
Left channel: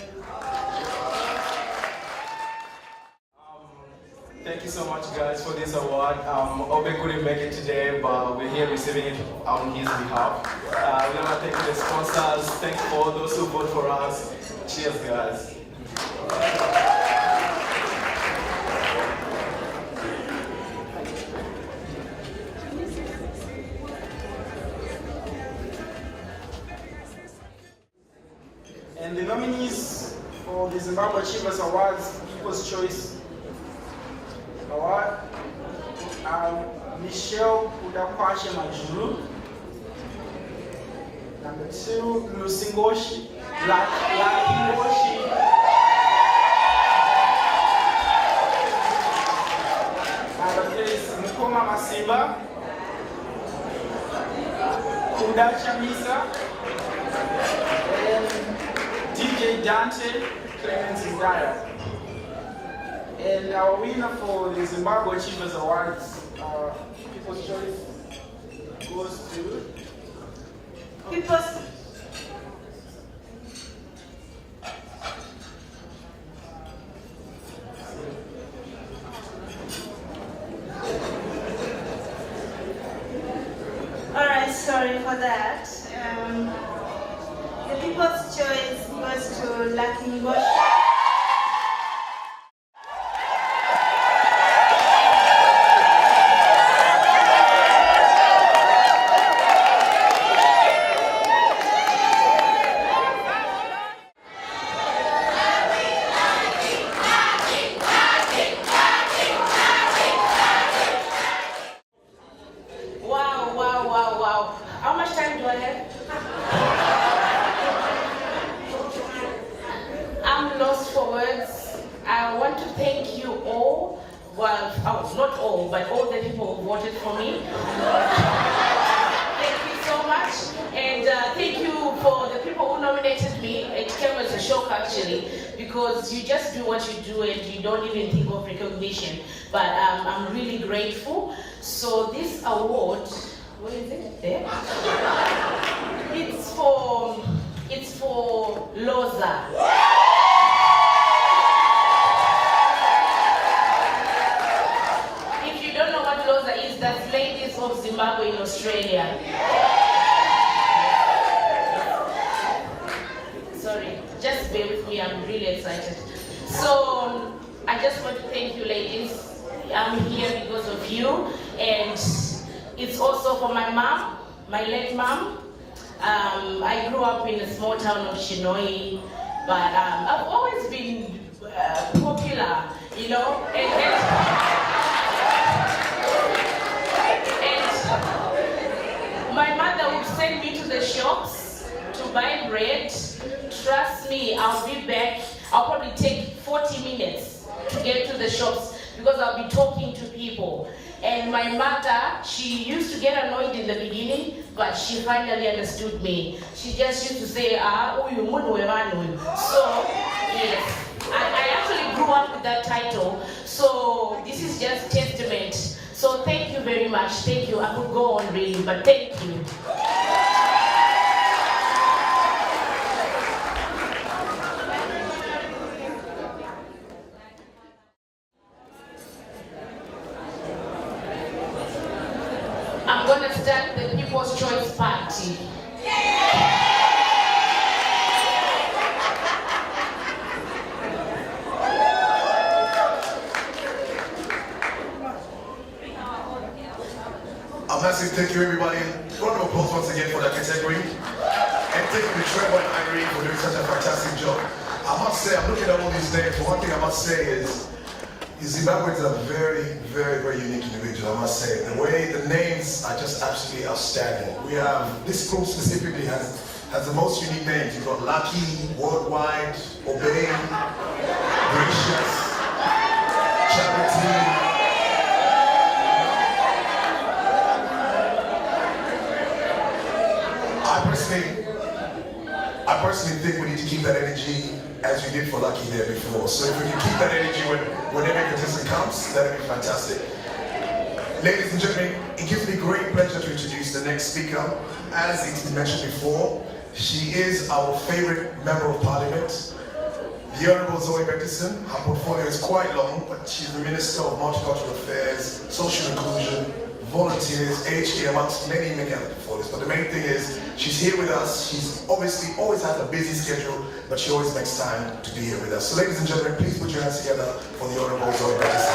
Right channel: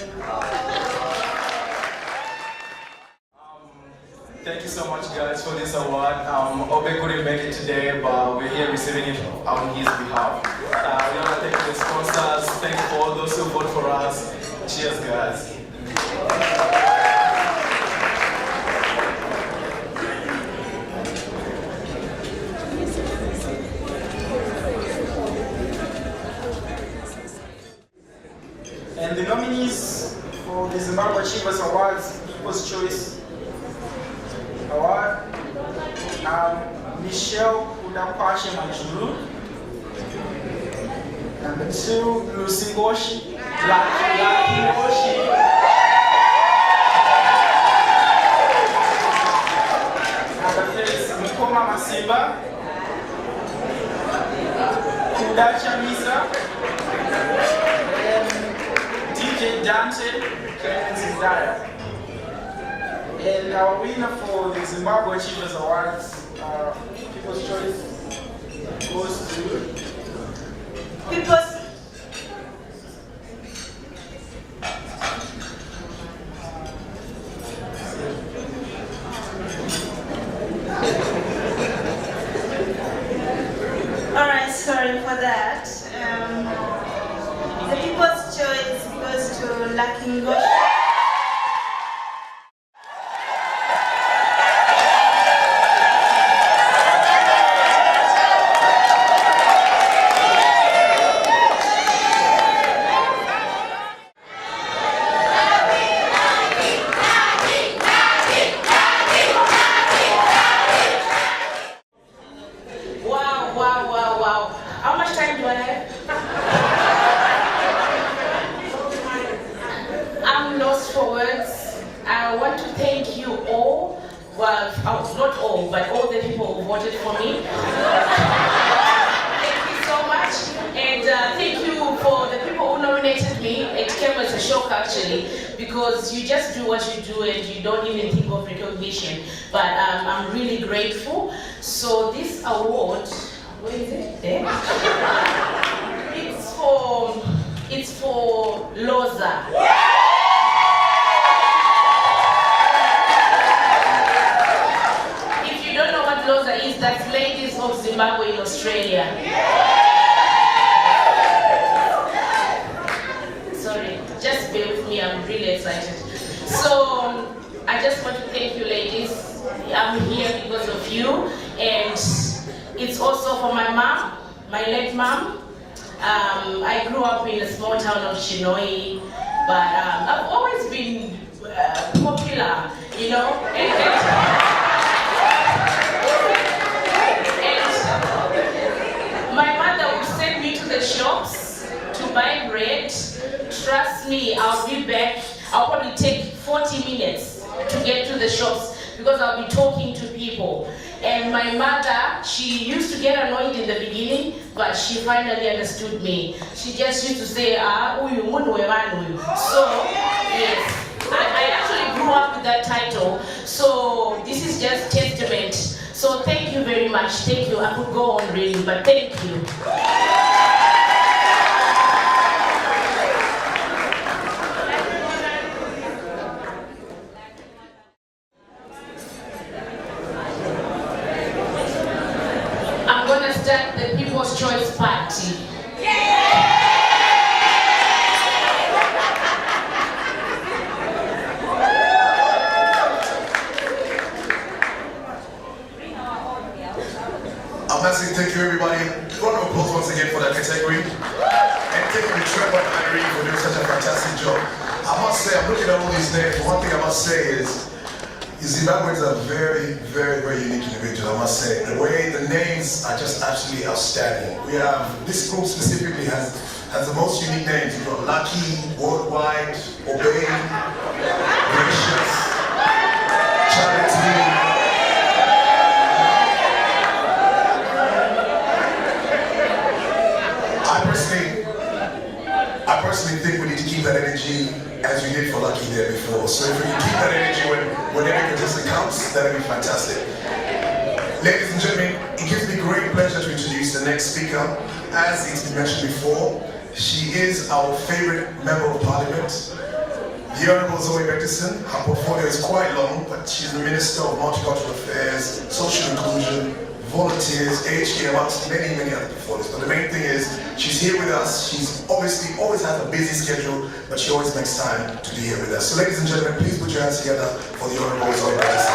Thank you so much, guys, for this award. Obe couldn't make it today, but we're here receiving it on his behalf. We want to thank the sponsors, thank you for all those who vote for us. Cheers, guys. And the nominees for the Zimbabwe Achievers Awards, People's Choice Award, Michelle Udakwashe Majuru. Number 2, Lucy Ngoshi. Number 3 is Mukoma Masimba. Kudacha Misa. DJ Dante Clemens Zaya. And our winner for the Zimbabwe Achievers Awards, People's Choice, goes to People's Alright, sorry for that. The People's Choice goes to Lucky Ngoshi. Wow. How much time do I have? I'm lost for words. I want to thank you all. Well, not all, but all the people who voted for me. Thank you so much. And thank you for the people who nominated me. It came as a shock, actually, because you just do what you do and you don't even think of recognition. But I'm really grateful. So this award, what is it? There? It's for Loza. If you don't know what Loza is, that's Ladies of Zimbabwe in Australia. Sorry, just bear with me, I'm really excited. So, I just want to thank you ladies. I'm here because of you, and it's also for my mom, my late mom. I grew up in a small town of Chinoi, but I've always been popular, you know, and my mother would send me to the shops to buy bread. Trust me, I'll be back. I'll probably take 40 minutes to get to the shops because I'll be talking to people. And my mother, she used to get annoyed in the beginning, but she finally understood me. She just used to say, uyu munhu wevanhu. So, yes, I actually grew up with that title. So, this is just testament. So, thank you very much. Thank you. I could go on really, but thank you. I'm going to start the People's Choice Party. A massive thank you, everybody. Round of applause once again for that category. And thank you, Trevor and Irene, for doing such a fantastic job. I must say, I'm looking at all these names. One thing I must say is, Zimbabweans are very, very, very unique individuals, I must say. The way the names are just absolutely outstanding. We have, this group specifically has the most unique names. You've got Lucky, Worldwide, Obey, Gracious, Charity. I personally think we need to keep that energy as we did for Lucky there before. So if we can keep that energy when every contestant comes, that would be fantastic. Ladies and gentlemen, it gives me great pleasure to introduce the next speaker. As it's mentioned before, she is our favorite member of parliament, the Honourable Zoe Bettison. Her portfolio is quite long, but she's the Minister of Multicultural Affairs, Social Inclusion, Volunteers, HK, amongst many, many other portfolios. But the main thing is, she's here with us. She's obviously always has a busy schedule, but she always makes time to be here with us. So ladies and gentlemen, please put your hands together for the Honourable Zoe Bettison.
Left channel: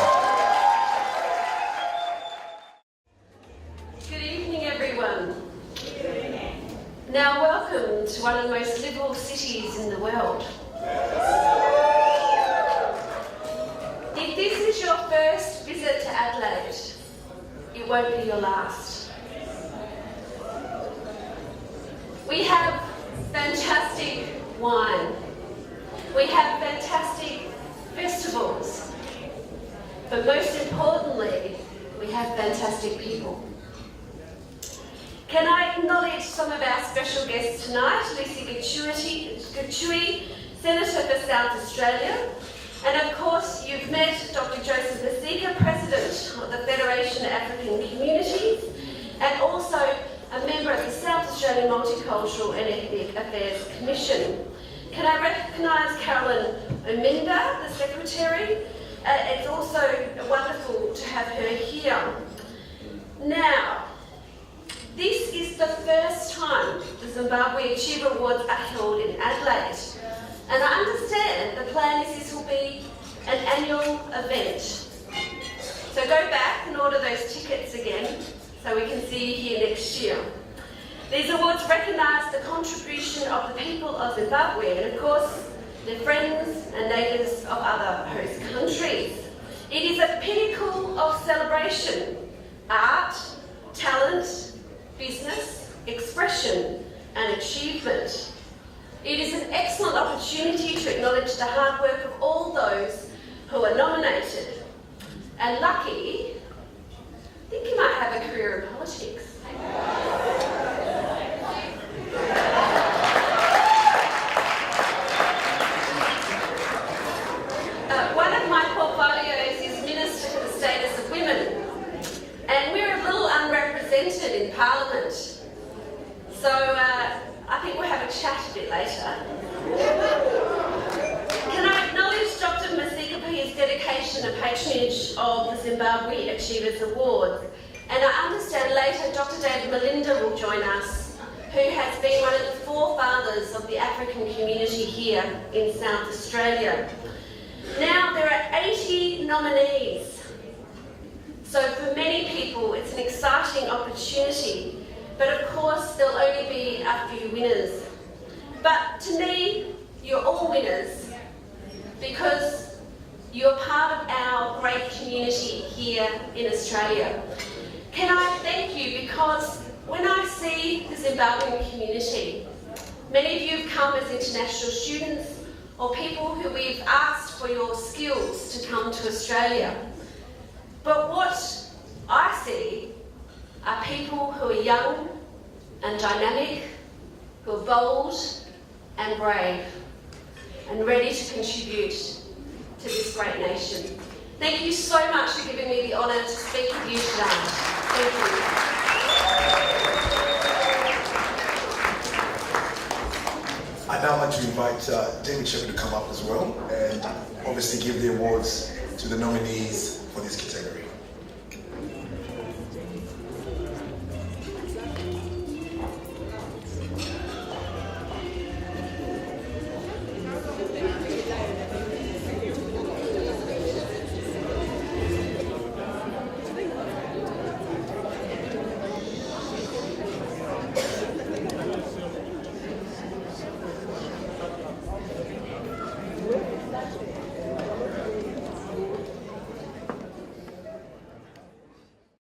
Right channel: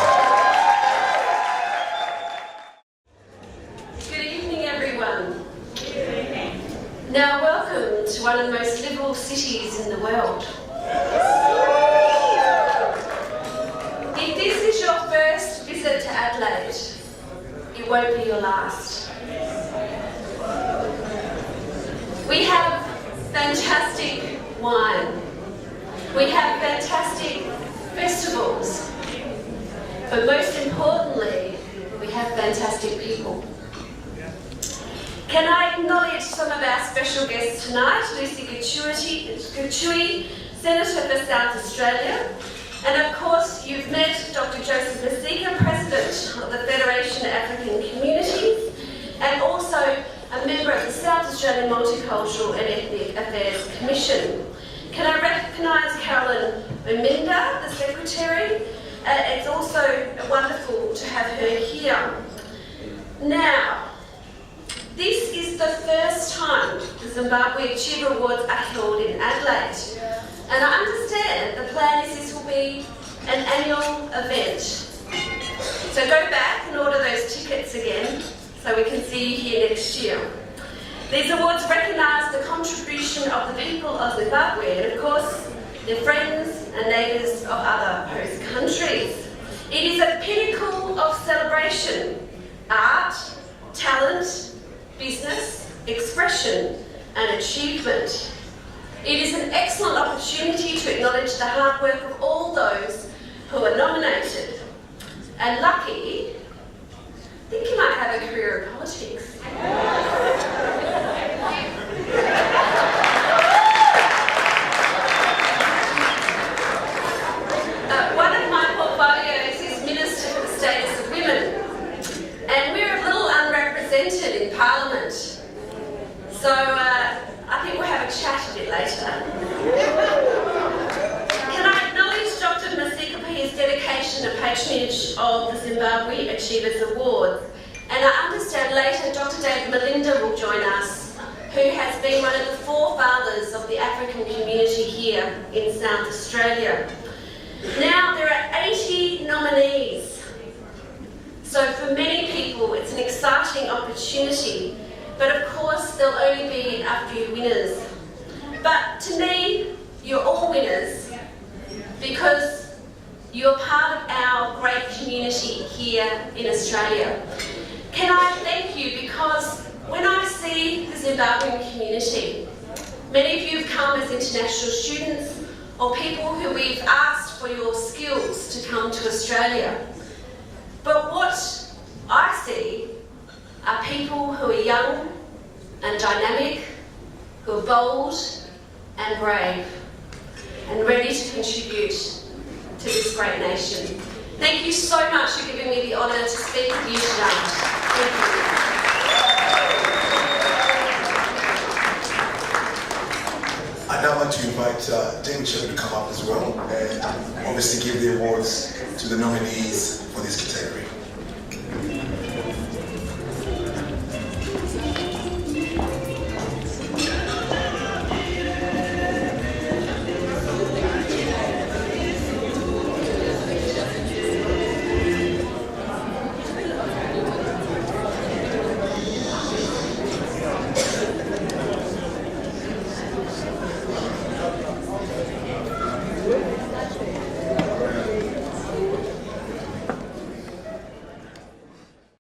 Good evening, everyone. Now, welcome to one of the most liberal cities in the world. If this is your first visit to Adelaide, it won't be your last. We have fantastic wine. We have fantastic festivals. But most importantly, we have fantastic people. Can I acknowledge some of our special guests tonight? Lucy Gachui, Senator for South Australia. And of course, you've met Dr. Joseph Masika, President of the Federation of African Communities, and also a member of the South Australian Multicultural and Ethnic Affairs Commission. Can I recognise Carolyn Ominda, the Secretary? It's also wonderful to have her here. Now, this is the first time the Zimbabwe Achiever Awards are held in Adelaide. And I understand the plan is this will be an annual event. So go back and order those tickets again so we can see you here next year. These awards recognise the contribution of the people of Zimbabwe and of course their friends and neighbours of other host countries. It is a pinnacle of celebration, art, talent, business, expression and achievement. It is an excellent opportunity to acknowledge the hard work of all those who are nominated. And Lucky, I think you might have a career in politics. One of my portfolios is Minister for the Status of Women. And we're a little unrepresented in Parliament. So I think we'll have a chat a bit later. Can I acknowledge Dr. Masika for his dedication and patronage of the Zimbabwe Achievers Awards. And I understand later Dr. David Melinda will join us, who has been one of the forefathers of the African community here in South Australia. Now there are 80 nominees. So for many people it's an exciting opportunity. But of course, there'll only be a few winners. But to me, you're all winners because you're part of our great community here in Australia. Can I thank you because when I see the Zimbabwean community, many of you have come as international students or people who we've asked for your skills to come to Australia. But what I see are people who are young and dynamic, who are bold and brave, and ready to contribute to this great nation. Thank you so much for giving me the honour to speak with you tonight. Thank you. I'd now like to invite David Shepherd to come up as well and obviously give the awards to the nominees for this category.